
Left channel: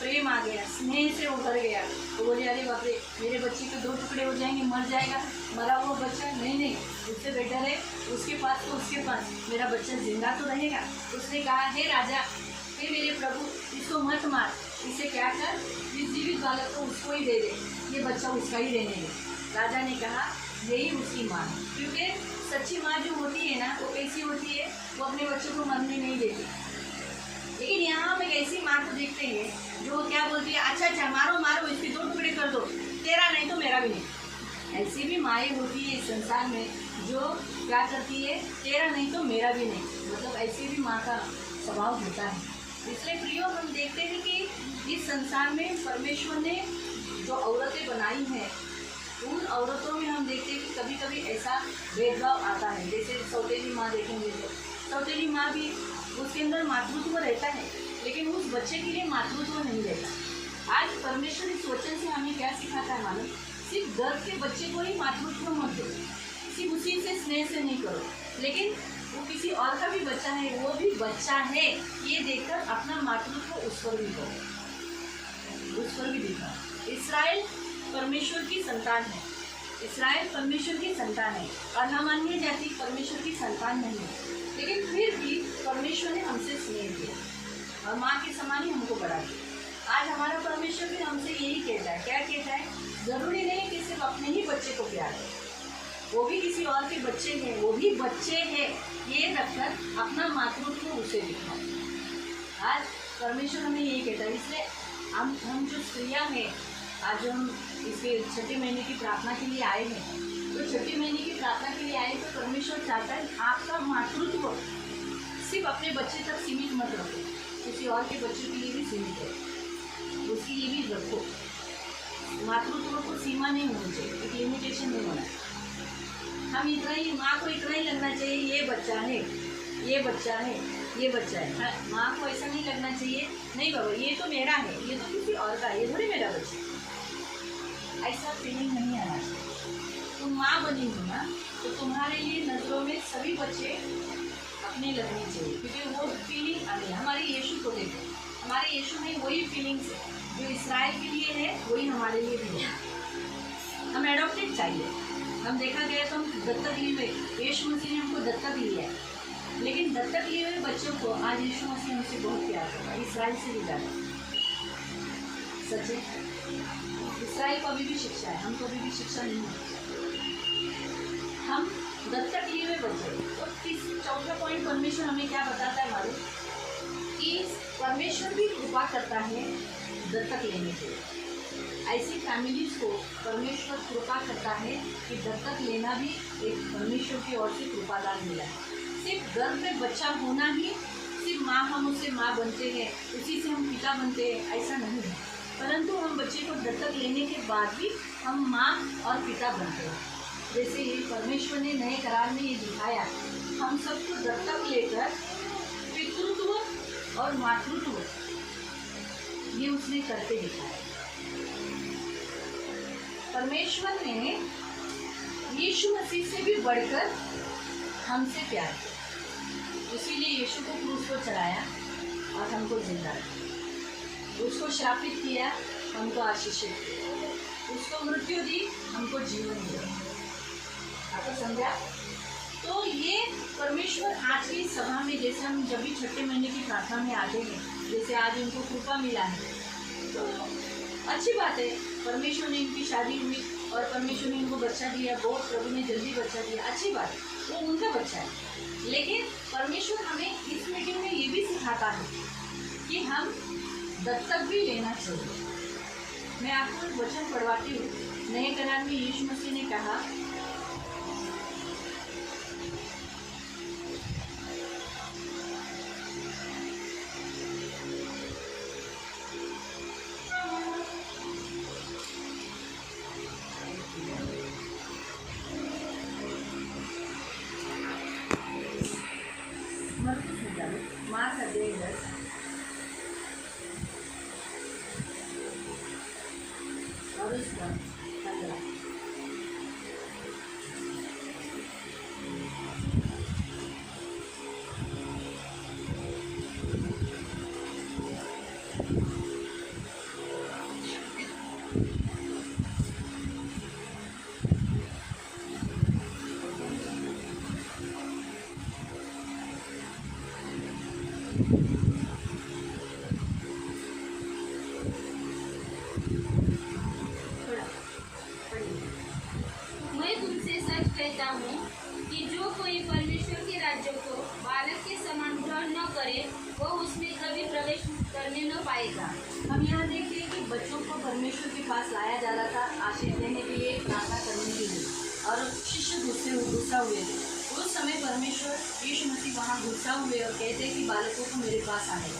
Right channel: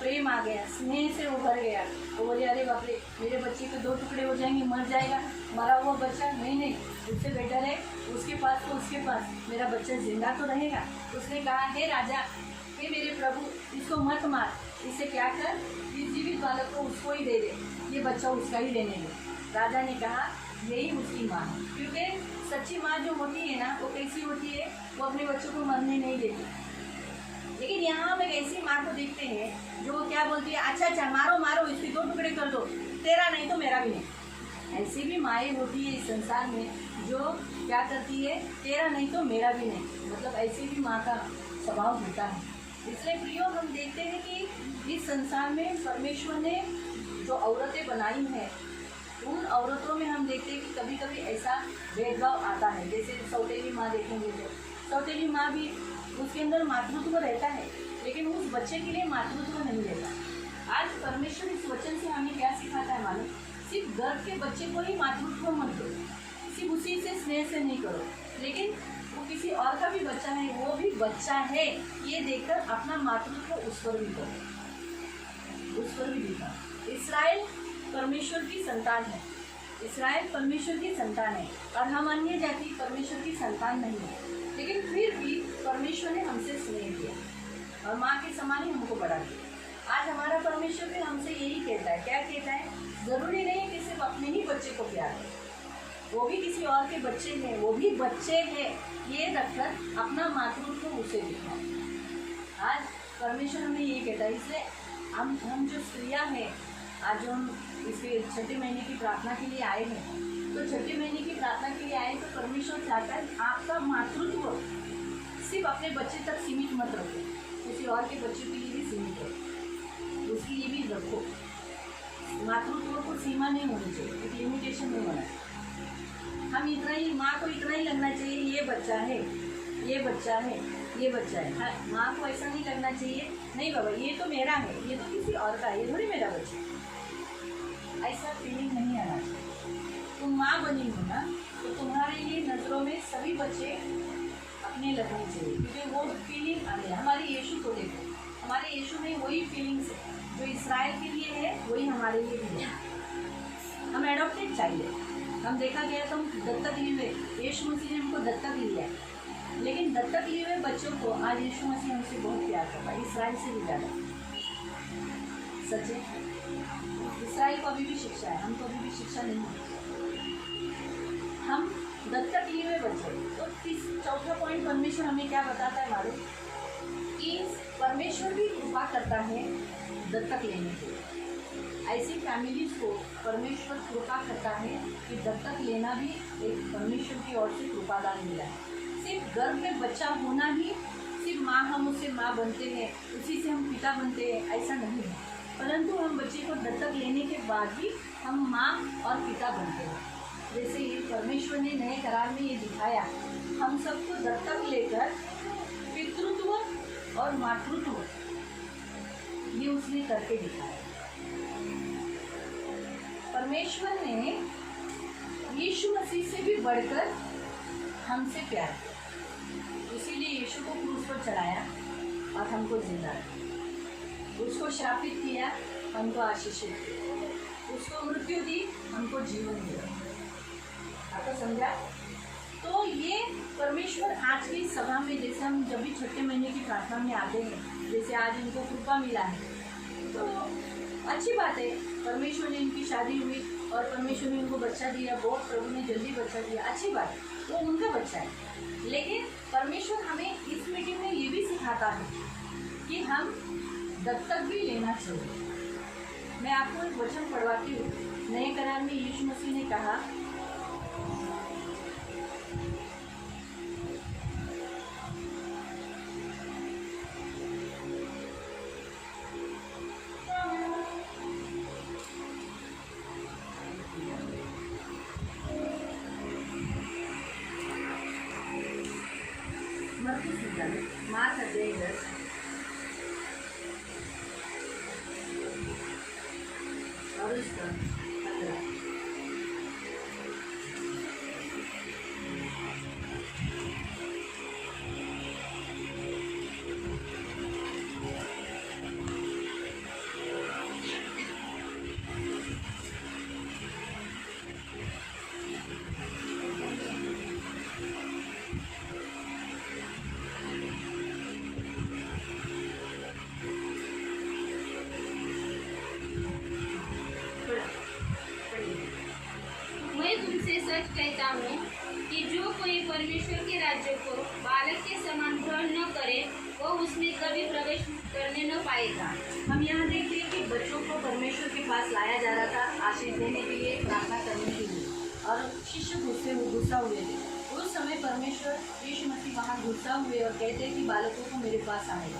प्रेम आ गया, स्नेह से उभर गया। तो बोले, अरे बाप रे, मेरे बच्चे के 2 टुकड़े हो जाएंगे, मर जाएगा, मरा हुआ बच्चा, नहीं, उससे बेटर है उसके पास तो उसके पास, मेरा बच्चा जिंदा तो रहेगा। उसने कहा, हे राजा, हे मेरे प्रभु, इसको मत मार, इसे क्या कर, इस जीवित बालक को उसको ही दे दे, ये बच्चा उसका ही रहने दे। राजा ने कहा, यही उसकी माँ है, क्योंकि सच्ची माँ जो होती है ना, वो कैसी होती है, वो अपने बच्चों को मरने नहीं देती। लेकिन यहाँ हम एक ऐसी माँ को देखते हैं जो क्या बोलती है, अच्छा मारो मारो, इसके 2 टुकड़े कर दो, तेरा नहीं तो मेरा भी नहीं। ऐसी भी माएँ होती है इस संसार में जो क्या करती है, तेरा नहीं तो मेरा भी नहीं, मतलब ऐसी भी माँ का स्वभाव होता है। इसलिए प्रियो, हम देखते हैं कि इस संसार में परमेश्वर ने जो औरतें बनाई हैं, उन औरतों में हम देखते हैं कि कभी कभी ऐसा भेदभाव आता है। जैसे सौतेली माँ देखेंगे तो सौतेली माँ भी, उसके अंदर मातृत्व रहता है, लेकिन उस बच्चे के लिए मातृत्व नहीं रहता। आज परमेश्वर इस वचन से हमें क्या सिखाता है मालूम, सिर्फ गर्भ के बच्चे को ही मातृत्व मत दो, सिर्फ उसी से स्नेह से नहीं करो, लेकिन वो किसी और का भी बच्चा है, वो भी बच्चा है, ये देखकर अपना मातृत्व उस पर भी करो, उस पर भी दिखाओ। इस्राएल परमेश्वर की संतान है, इस्राएल परमेश्वर की संतान है, और हम अन्य जाति परमेश्वर की संतान नहीं है, लेकिन फिर भी परमेश्वर ने हमसे स्नेह किया और माँ के समान ही हमको बढ़ा दिया। आज हमारा परमेश्वर भी हमसे यही कहता है, क्या कहता है, ज़रूरी नहीं कि सिर्फ अपने ही बच्चे को प्यार है, वो भी किसी और के बच्चे हैं, वो भी बच्चे हैं, ये रखकर अपना मातृत्व उसे दिखाए। आज परमेश्वर हमें यही कहता है। इसलिए हम जो स्त्रियाँ हैं, आज हम इसके 6ठे महीने की प्रार्थना के लिए आए हैं, तो 6ठे महीने की प्रार्थना के लिए आए तो परमेश्वर चाहता है आपका मातृत्व सिर्फ अपने बच्चे तक सीमित मत रखो, किसी और के बच्चों के लिए भी सीमित रखो, उसके लिए भी रखो। मातृत्व को सीमा नहीं होनी चाहिए, एक लिमिटेशन नहीं होना चाहिए। हम इतना ही, माँ को इतना ही लगना चाहिए, ये बच्चा है, ये बच्चा है, ये बच्चा है। हाँ, माँ को ऐसा नहीं लगना चाहिए, नहीं बाबा ये तो मेरा है, ये तो किसी और का है, ये थोड़ी मेरा बच्चा है। ऐसा फीलिंग नहीं आना चाहिए। तुम माँ बनी हो ना, तो तुम्हारे लिए नज़रों में सभी बच्चे अपने लगने चाहिए, क्योंकि वो फीलिंग आ गई। हमारे यीशु को देखो, हमारे यीशु में वही फीलिंग्स है जो इस्राएल के लिए है, वही हमारे लिए भी है। हम एडॉप्टेड चाहिए। हम देखा गया तो हम दत्तक लिए हुए, यीशु मसीह ने हमको दत्तक लिया है, लेकिन दत्तक लिए हुए बच्चों को आज यीशु मसीह हमसे बहुत प्यार करता है, इसराइल से भी ज़्यादा। सच है, इसराइल को अभी भी शिक्षा है, हमको अभी भी शिक्षा नहीं है। हम दत्तक लिए हुए बच्चे। तो चौथा पॉइंट परमेश्वर हमें क्या बताता है मालूम, कि परमेश्वर भी कृपा करता है दत्तक लेने के लिए। ऐसी फैमिलीज को परमेश्वर कृपा करता है कि दत्तक लेना भी एक परमेश्वर की ओर से कृपादान मिला है। सिर्फ गर्भ में बच्चा होना ही, सिर्फ माँ हम उससे माँ बनते हैं, उसी से हम पिता बनते हैं, ऐसा नहीं है। परंतु हम बच्चे को दत्तक लेने के बाद भी हम माँ और पिता बनते हैं। जैसे ये परमेश्वर ने नए करार में ये दिखाया, हम सबको दत्तक लेकर पितृत्व और मातृत्व ये उसने करके दिखाया। परमेश्वर ने यीशु मसीह से भी बढ़कर हमसे प्यार किया, इसीलिए यीशु को क्रूस पर चढ़ाया और हमको जिंदा रखा। उसको श्रापित किया, हमको आशीषित किया। उसको मृत्यु दी, हमको जीवन दिया। आपको समझा? तो ये परमेश्वर आज की सभा में, जैसे हम जब भी छठे महीने की प्रार्थना में आते हैं, जैसे आज उनको कृपा मिला है, तो अच्छी बात है। परमेश्वर ने इनकी शादी हुई और परमेश्वर ने इनको बच्चा दिया, बहुत प्रभु ने जल्दी बच्चा दिया, अच्छी बात है, वो उनका बच्चा है। लेकिन परमेश्वर हमें इस मीटिंग में ये भी सिखाता है कि हम दत्तक भी लेना चाहिए। मैं आपको एक वचन पढ़वाती हूँ। नए करार में यीशु मसीह ने कहा, मार्क अध्याय 10 और उसका 15। मैं तुमसे सच कहता हूँ कि जो कोई परमेश्वर के राज्य को बालक के समान ग्रहण न करे, वो उसमें कभी प्रवेश करने न पाएगा। हम यहाँ देखते हैं कि बच्चों को परमेश्वर के पास लाया जा रहा था आशीष देने के लिए, प्रार्थना करने के लिए, और शिष्य गुस्सा हुए थे। उस समय परमेश्वर यीशु मसीह वहाँ गुस्सा हुए और कहते हैं कि बालकों को मेरे पास आने।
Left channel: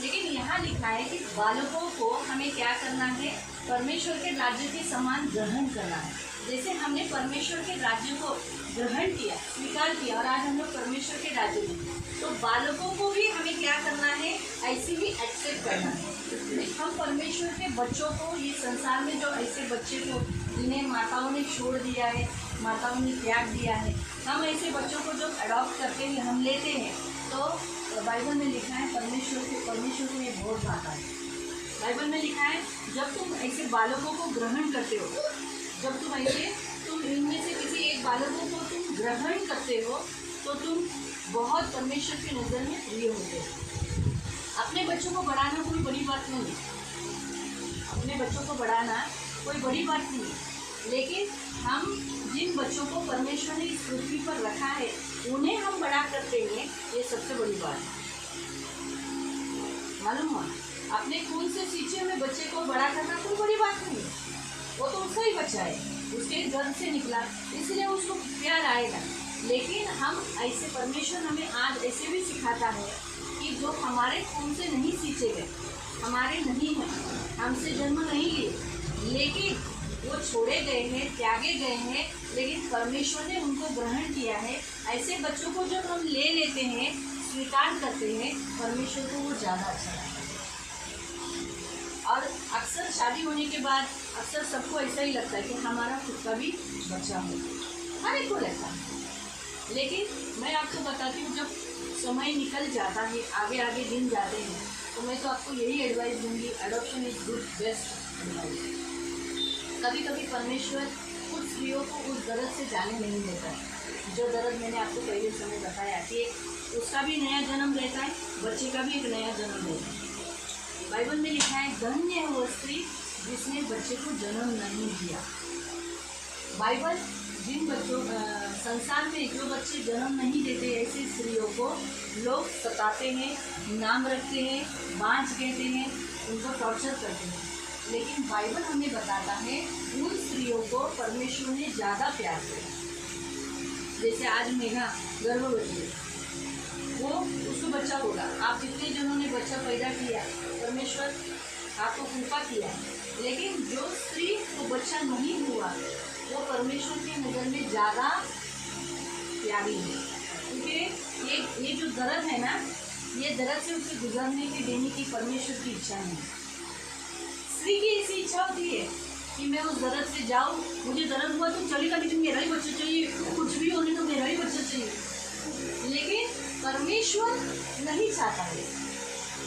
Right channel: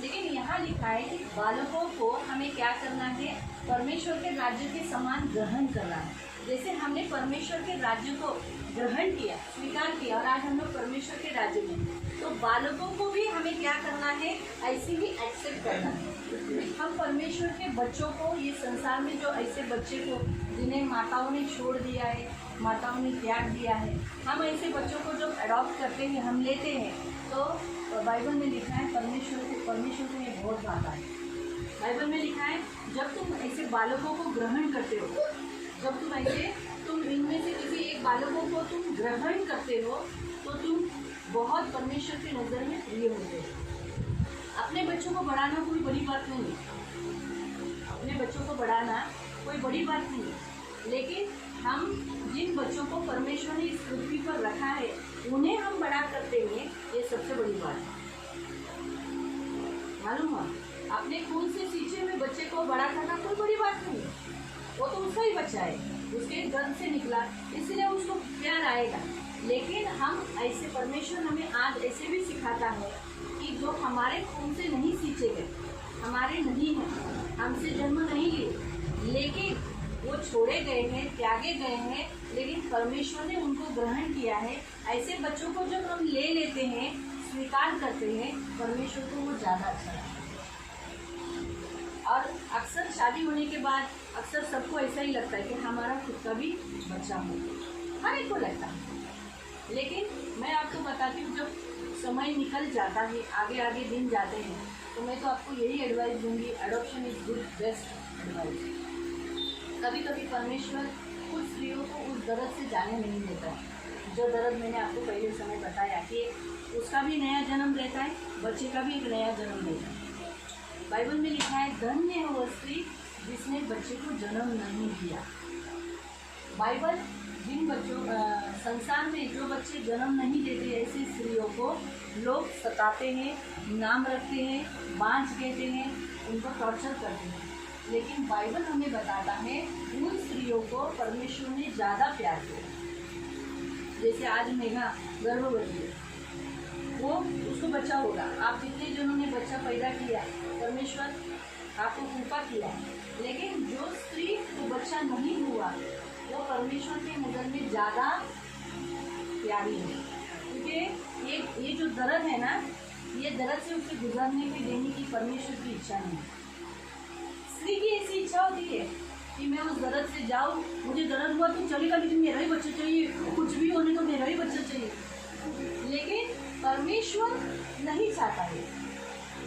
लेकिन यहाँ लिखा है कि बालकों को हमें क्या करना है, परमेश्वर के राज्य के समान ग्रहण करना है। जैसे हमने परमेश्वर के राज्य को ग्रहण किया, स्वीकार किया, और आज हम लोग परमेश्वर के राज्य में, तो बालकों को भी हमें क्या करना है, ऐसे ही एक्सेप्ट करना है। हम परमेश्वर के बच्चों को, ये संसार में जो ऐसे बच्चे को जिन्हें माताओं ने छोड़ दिया है, माताओं ने त्याग दिया है, हम ऐसे बच्चों को जब अडॉप्ट करते हैं, हम लेते हैं, तो बाइबल में लिखा है परमेश्वर को ये बहुत बात है। बाइबल में लिखा है, जब तुम ऐसे बालकों को ग्रहण करते हो, जब तुम इनमें से किसी एक बालकों को तुम ग्रहण करते हो, तो तुम बहुत परमेश्वर की नज़र में प्रिय होते हो। अपने बच्चों को बढ़ाना कोई बड़ी बात नहीं है, अपने बच्चों को बढ़ाना कोई बड़ी बात नहीं है, लेकिन हम जिन बच्चों को परमेश्वर ने इस पृथ्वी पर रखा है, उन्हें हम बड़ा करते हैं, ये सबसे बड़ी बात है। मालूम हुआ? अपने खून से सींचे हुए बच्चे को बड़ा करना कोई बड़ी बात नहीं है, वो तो उसका ही बच्चा है, उसके गर्भ से निकला, इसलिए उसको प्यार आएगा। लेकिन हम ऐसे, परमेश्वर हमें आज ऐसे भी सिखाता है कि जो हमारे खून से नहीं सींचे गए, हमारे नहीं हैं, हमसे जन्म नहीं लिए, लेकिन वो छोड़े गए हैं, त्यागे गए हैं, लेकिन परमेश्वर ने उनको ग्रहण किया है। ऐसे बच्चों को जब हम ले लेते हैं, स्वीकार करते हैं, परमेश्वर को वो ज़्यादा अच्छा लगता है। और अक्सर शादी होने के बाद अक्सर सबको ऐसा ही लगता है कि हमारा खुद का भी बच्चा हो, हर एक को लगता है। लेकिन मैं आपको बताती हूँ, जब समय निकल जाता है, आगे आगे दिन जाते हैं, तो मैं तो आपको यही एडवाइस दूंगी, adoption is good best advice. कभी कभी परमेश्वर कुछ स्त्रियों को उस दर्द से जाने नहीं देता है। जो दर्द मैंने आपको पहले समय बताया कि उसका भी नया जन्म रहता है, बच्चे का भी एक नया जन्म रहता है। बाइबल में लिखा है, धन्य है वो स्त्री जिसने बच्चे को जन्म नहीं दिया। बाइबल जिन बच्चों संसार में जो बच्चे जन्म नहीं देते, ऐसी स्त्रियों को लोग सताते हैं, नाम रखते हैं, बांझ कहते हैं, उनको टॉर्चर करते हैं। लेकिन बाइबल हमें बताता है उन स्त्रियों को परमेश्वर ने ज़्यादा प्यार किया। जैसे आज मेघा गर्भवती है, वो उसको बच्चा होगा। आप जितने जनों ने बच्चा पैदा किया, परमेश्वर आपको कृपा किया, लेकिन जो स्त्री को बच्चा नहीं हुआ वो परमेश्वर के नज़र में ज़्यादा प्यारी है, क्योंकि ये जो दर्द है ना, ये दर्द से उसे गुजरने के देने की परमेश्वर की इच्छा नहीं है। स्त्री की ऐसी इच्छा होती है कि मैं उस दर्द से जाऊँ, मुझे दर्द हुआ तो चलेगा, लेकिन मेरा ही बच्चा चाहिए, कुछ भी होने तो मेरा ही बच्चा चाहिए। लेकिन परमेश्वर नहीं चाहता है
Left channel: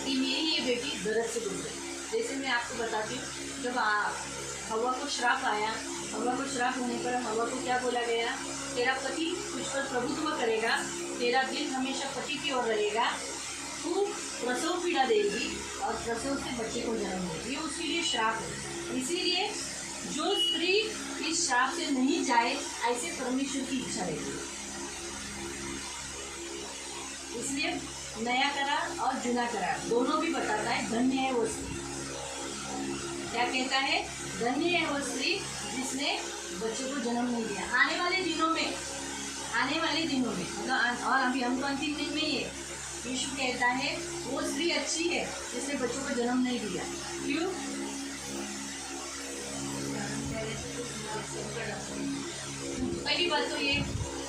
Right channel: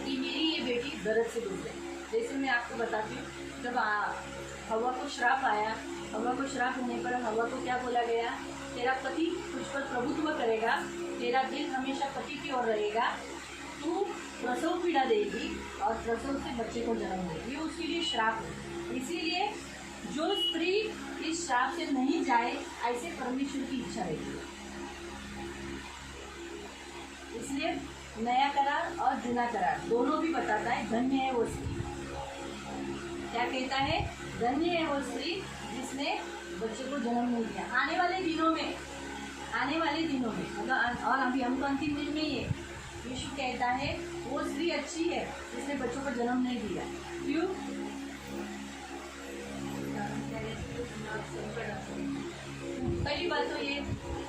कि मेरी ये बेटी दर्द से गुजरे। जैसे मैं आपको बताती हूँ, जब हवा को श्राप आया, हवा को श्राप होने पर हवा को क्या बोला गया, तेरा पति तुझ पर प्रभुत्व करेगा, तेरा दिल हमेशा पति की ओर रहेगा, तू प्रसव पीड़ा देगी और प्रसव से बच्चे को जन्म देगी। ये उसके लिए श्राप है। इसीलिए जो स्त्री इस श्राप से नहीं जाए, ऐसे परमेश्वर की इच्छा रहती है। इसलिए नया करार और जुना करार दोनों भी बताता है, धन्य है वो स्त्री। क्या कहता है? धन्य है वो स्त्री जिसने बच्चे को जन्म नहीं दिया। आने वाले दिनों में मतलब, और अभी हम तो अंतिम दिन में ही है, यीशु कहता है वो स्त्री अच्छी है जिसने बच्चों को जन्म नहीं दिया। क्यों? पहली बात तो ये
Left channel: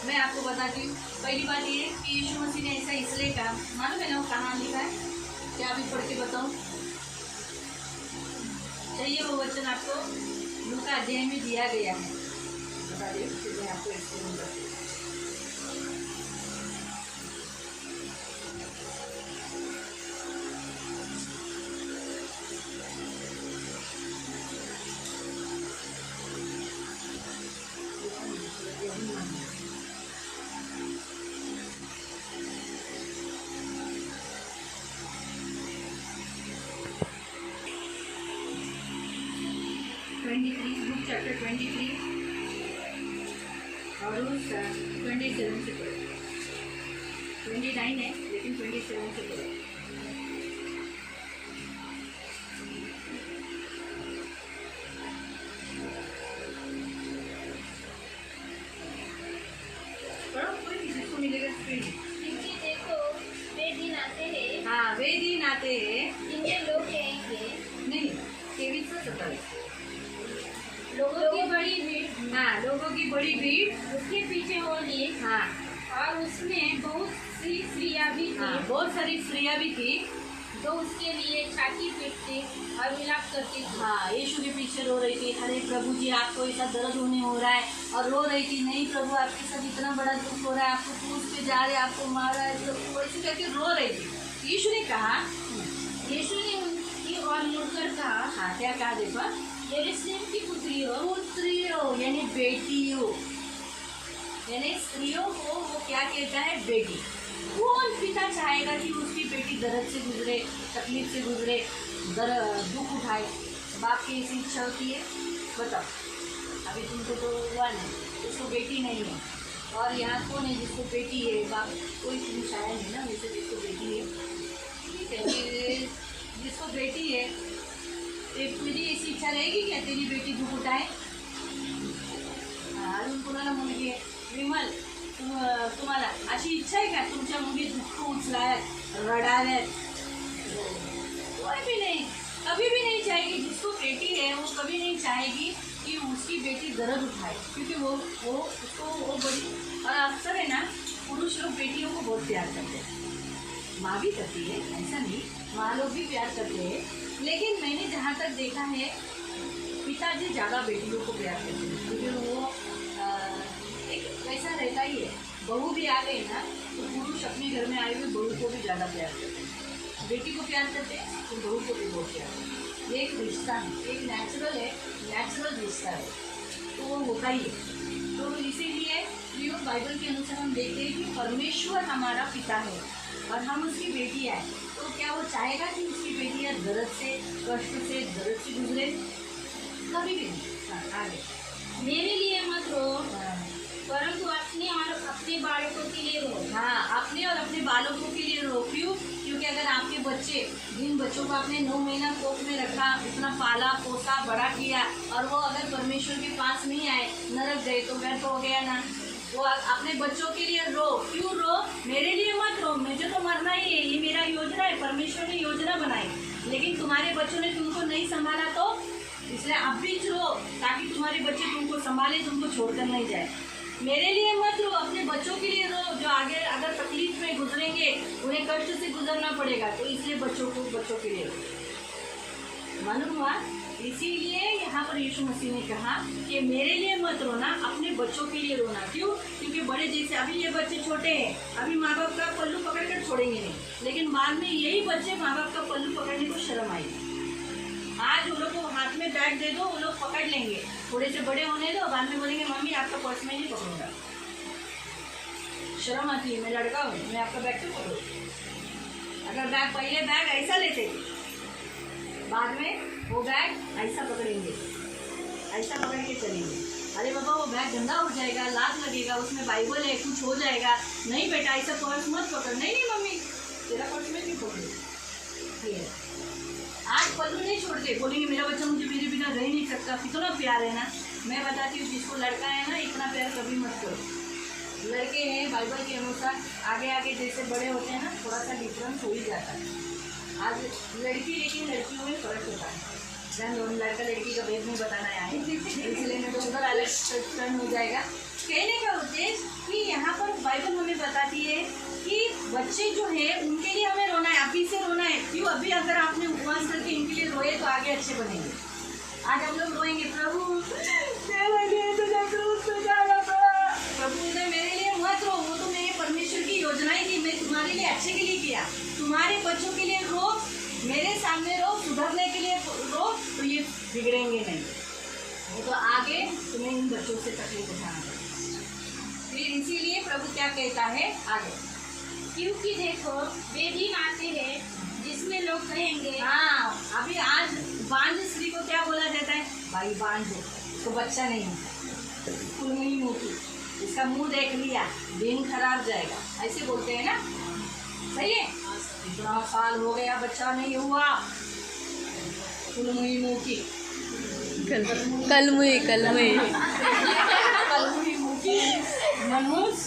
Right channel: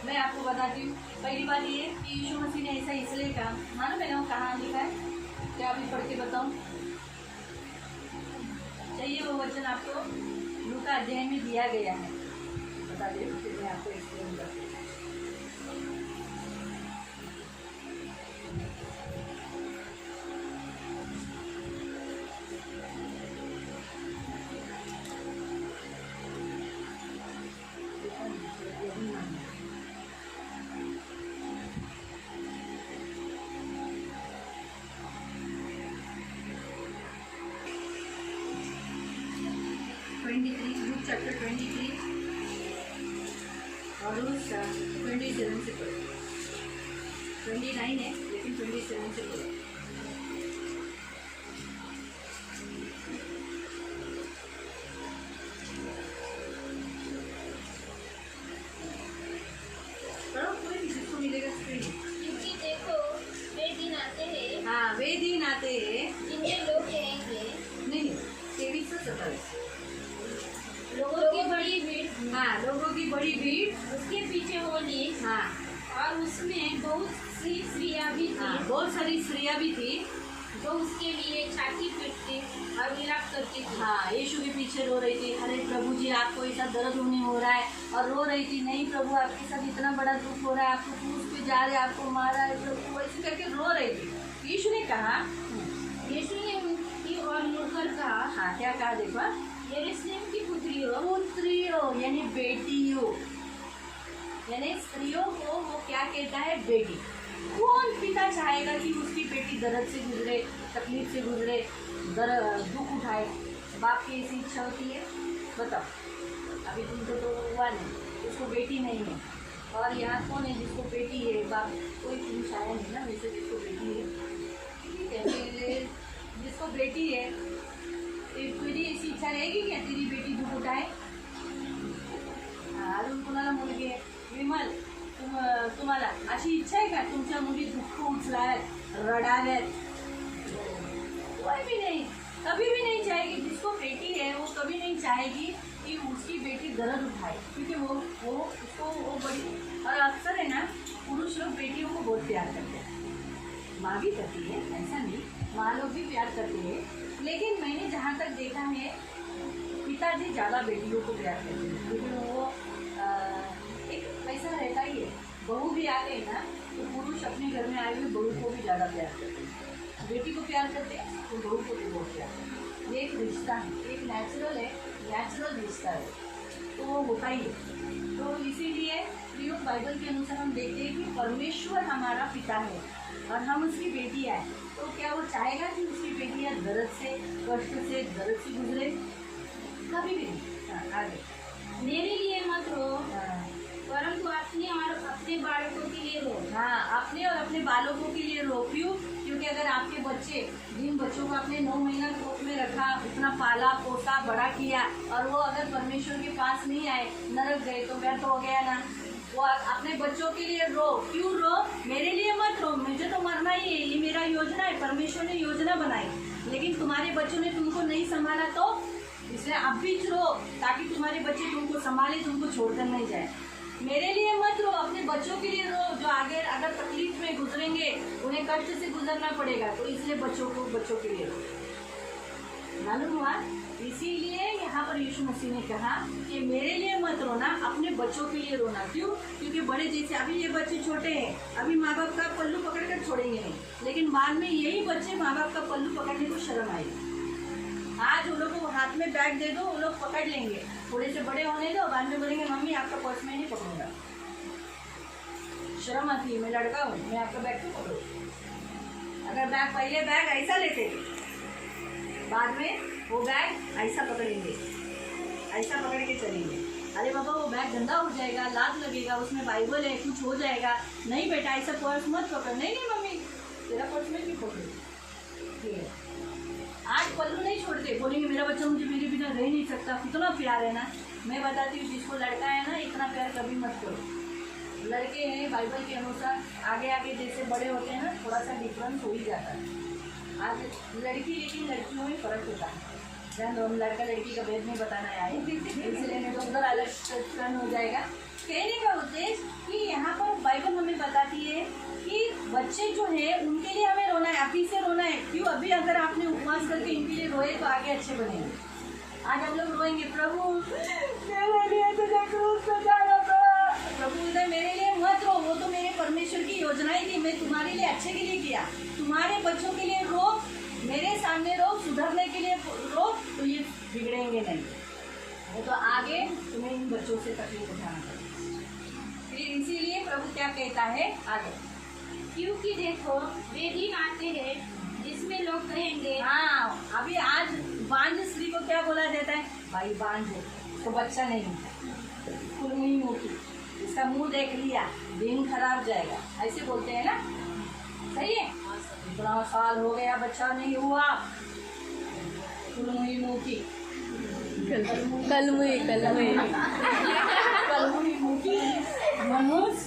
मैं आपको बताती हूँ। पहली बात ये कि यीशु मसीह ने ऐसा इसलिए कहा, मालूम है ना वो कहाँ लिखा है? क्या अभी पढ़ के बताऊँ? चाहिए वो वचन आपको लूका अध्याय में दिया गया है, बता दे, फिर मैं आपको एक्सप्लेन करती हूँ। बुक चैप्टर 23 और 27 से पढ़ो। 29 है लेकिन 27 से पढ़ो। पढ़ो, कोई भी जिसको मिलेगा स्क्रीन। क्योंकि देखो वे दिन आते हैं, हाँ, वे दिन आते हैं जिनमें लोग कहेंगे, नहीं 23 से 27। लोगों की बड़ी भीड़, हाँ, लोगों की बड़ी भीड़ उसके पीछे होनी, हाँ और उसमें बहुत सी स्त्रियां भी हाँ, थी बहुत सारी स्त्रियाँ भी थी जो उसके लिए छाती पीटती और विलाप करती थी। हाँ, यीशु के पीछे रो रही थी, अरे प्रभु जी आपको ऐसा दर्द होने हो रहा है, और रो रही थी, नहीं प्रभु आपके साथ इतना बड़ा दुख हो रहा है, आपको क्रूस पे जा रहे, आपको मारा है, तो ऐसे करके रो रही थी। यीशु ने कहा, यीशु ने उनकी ओर मुड़कर कहा, हाँ क्या कहा देखो, यरूशलेम की पुत्रियों, यानी बेटियों, यानी स्त्रियों को वो क्या कहता है? बेटी। कौन पिता चाहेगा कि उसकी बेटी दर्द से गुजरे, तकलीफ से गुजरे, दुख उठाए? बाप की ऐसी इच्छा होती है? बताओ, अभी तुमको तो हुआ नहीं, उसको बेटी नहीं है, और यहाँ कौन है जिसको बेटी है? बाप कोई तुम शायद नहीं ना, वैसे जिसको बेटी है, ठीक है, फिर जिसको बेटी है तुझी ऐसी इच्छा रहेगी क्या तेरी बेटी दुख उठाए? अजून कुणाला मुलगी आहे? विमल, तुम्हाला अशी इच्छा आहे का तुमच्या मुली दुःख उचलाव्यात, रडाव्यात? कोई भी नहीं, कभी भी नहीं चाहेगी। जिसको बेटी है वो कभी नहीं चाहेगी कि उसकी बेटी दर्द उठाए, क्योंकि वो उसको वो बड़ी, और अक्सर है ना पुरुष लोग बेटियों को बहुत प्यार करते हैं, माँ भी करती है, ऐसा नहीं, माँ लोग भी प्यार करते हैं, लेकिन मैंने जहाँ तक देखा है पिताजी ज़्यादा बेटियों को प्यार करते हैं, क्योंकि वो एक वैसा रहता ही है। बहू भी आ गई ना तो पुरुष अपने घर में आए हुए बहू को भी ज़्यादा प्यार करते हैं, बेटी को प्यार करते हैं तो बहू को भी बहुत प्यार करते हैं। ये एक रिश्ता है, एक नेचुरल है, नेचुरल रिश्ता है। तो वो होता ही है। तो इसीलिए प्रियो बाइबल के अनुसार हम देखते हैं कि परमेश्वर हमारा पिता है और हम उसकी बेटियाँ हैं। तो क्या वो चाहेगा कि उसकी बेटियाँ दर्द से, कष्ट से, दर्द से गुजरे? कभी भी नहीं। हाँ, आगे। मेरे लिए मत रो, हाँ, परंतु अपने और अपने बालकों के लिए रो। हाँ, अपने और अपने बालकों के लिए रो। क्यों? क्योंकि अगर आपके बच्चे, जिन बच्चों को आपने 9 महीना कोख में रखा, उतना पाला पोसा बड़ा किया, और वो अगर परमेश्वर के पास नहीं आए, नरक गए, तो व्यर्थ हो गया ना। वो अपने बच्चों के लिए रो। क्यों रो? मेरे लिए मत रो, मुझे तो मरना ही है, ये मेरा योजना है, परमेश्वर ने योजना बनाई, लेकिन तुम्हारे बच्चों ने तुमको नहीं संभाला, तो इसलिए अब भी रो, ताकि तुम्हारे बच्चे तुमको संभाले, तुमको छोड़कर नहीं जाए। मेरे लिए मत रो, अपने बच्चों के लिए रो, जो आगे अगर तकलीफ में गुजरेंगे, उन्हें कष्ट से गुजरना पड़ेगा, तो इसलिए बच्चों के लिए रो। मालूम हुआ? इसीलिए यहाँ पर यीशु मसीह ने कहा कि मेरे लिए मत रोना, अपने बच्चों के लिए रोना। क्यों? क्योंकि बड़े जैसे अभी ये बच्चे छोटे हैं, अभी माँ बाप का पल्लू पकड़ कर छोड़ेंगे नहीं, लेकिन बाद में यही बच्चे माँ बाप का पल्लू पकड़ने को शर्म आएगी। आज उन लोग को हाथ में बैग दे दो, वो लोग पकड़ लेंगे, थोड़े से बड़े होने दो, बाद में बोलेंगे मम्मी आपका पर्स में नहीं पकड़ूंगा। शर्म आती है, मैं लड़का हूँ, मैं आपका बैग क्यों पकड़ूँ? अगर बैग पहले बैग ऐसा लेते, बाद में वो बैग ऐसा पकड़ेंगे, ऐसा पकड़ के चलेंगे। अरे बाबा वो बैग गंदा हो जाएगा, लात लगेगा, उसमें बाइबल है, कुछ हो जाएगा। नहीं बेटा ऐसा पर्स मत पकड़। नहीं नहीं मम्मी तेरा पर्स में नहीं पकड़ू। आज पल्लू नहीं छोड़ते, बोलेंगे मेरा बच्चा मुझे मेरे बिना रह नहीं सकता। कितना प्यार है ना। मैं बताती हूँ, जिसको लड़का है ना, इतना प्यार कभी मत करो। लड़के हैं बाइबल के अनुसार आगे आगे जैसे बड़े होते हैं ना, थोड़ा सा डिफरेंस हो ही जाता है। आज लड़की, लेकिन लड़कियों में फ़र्क होता है। दोनों लड़का लड़की का भेद नहीं बताना आए, इसलिए मैं तो उधर अलग टर्न हो जाएगा। कहने का उद्देश्य कि यहाँ पर बाइबल हमें बताती है कि बच्चे जो है उनके लिए हमें रोना है, अभी से रोना है। क्यों? अभी अगर आपने उपवास करके इनके लिए रोए तो आगे अच्छे बनेंगे। आज हम लोग रोएंगे, प्रभु प्रभु इधर मेरे लिए मत रो, वो तो मेरे परमेश्वर की योजना ही थी, मैं तुम्हारे लिए अच्छे के लिए किया। तुम्हारे बच्चों के लिए रो, मेरे सामने रो, सुधरने के लिए रो, तो ये बिगड़ेंगे नहीं। वो तो आगे तुम्हें इन बच्चों से तकलीफ उठाना पड़ेगा। फिर इसीलिए प्रभु क्या कहता है आगे, क्योंकि देखो वे दिन आते हैं जिसमें लोग कहेंगे। हाँ, अभी आज बांझ स्त्री को क्या बोला जाता है? भाई बांझ हो, तो बच्चा नहीं है, कुलमुई मोटी, इसका मुंह देख लिया, दिन खराब जाएगा, ऐसे बोलते हैं ना। सही है? इतना साल हो गया बच्चा नहीं हुआ, कुलमुई मोटी, कलमुई मुखी मनुष्य।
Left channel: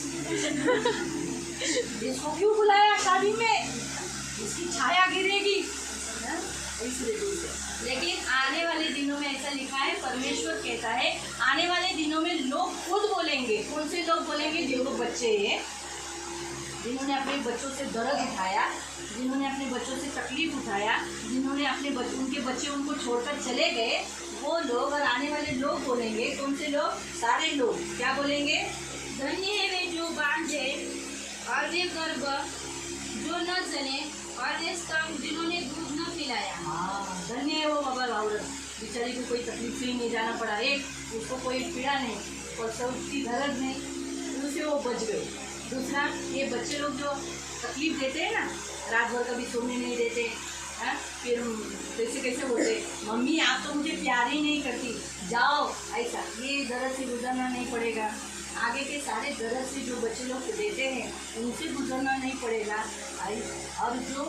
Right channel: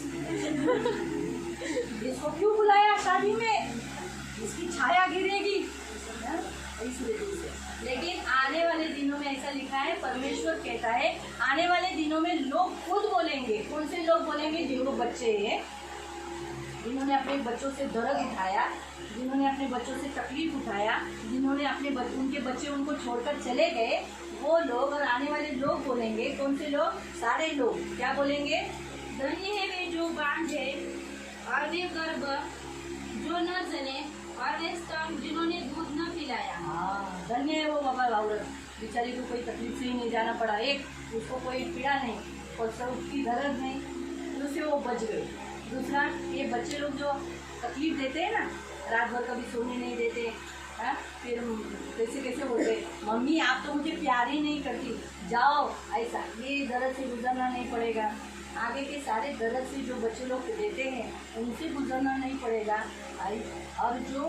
इसको क्यों बुलाया शादी में? इसकी छाया गिरेगी। हाँ? इसलिए। लेकिन आने वाले दिनों में ऐसा लिखा है, परमेश्वर कहता है आने वाले दिनों में लोग खुद बोलेंगे। कौन से लोग बोलेंगे? जिनको बच्चे हैं, जिन्होंने अपने बच्चों से दर्द उठाया, जिन्होंने अपने बच्चों से तकलीफ उठाया, जिन्होंने अपने उनके बच्चे उनको छोड़कर चले गए, वो लोग और आने वाले लोग बोलेंगे। कौन से लोग? सारे लोग क्या बोलेंगे? धन्य है वे जो बांझे और वे गर्भ जो न जने और वे स्तंभ जिन्होंने दूध न पिलाया। हाँ, धन्य है वो बाबा औरत, बेचारी को कोई तकलीफ से ही नहीं जाना पड़ा। एक, उसको कोई पीड़ा नहीं, प्रसव की दर्द नहीं, उससे वो बच गए। दूसरा, ये बच्चे लोग जो तकलीफ देते हैं ना, रात भर कभी सोने नहीं देते, हाँ, फिर कैसे कैसे बोलते, मम्मी आप तो मुझे प्यार ही नहीं करती, जाओ, ऐसा, ये दर्द से गुजरना नहीं पड़ेगा। आगे के सारे दर्द से जो बच्चे लोग देते हैं उनसे गुजरना नहीं पड़ेगा। और जो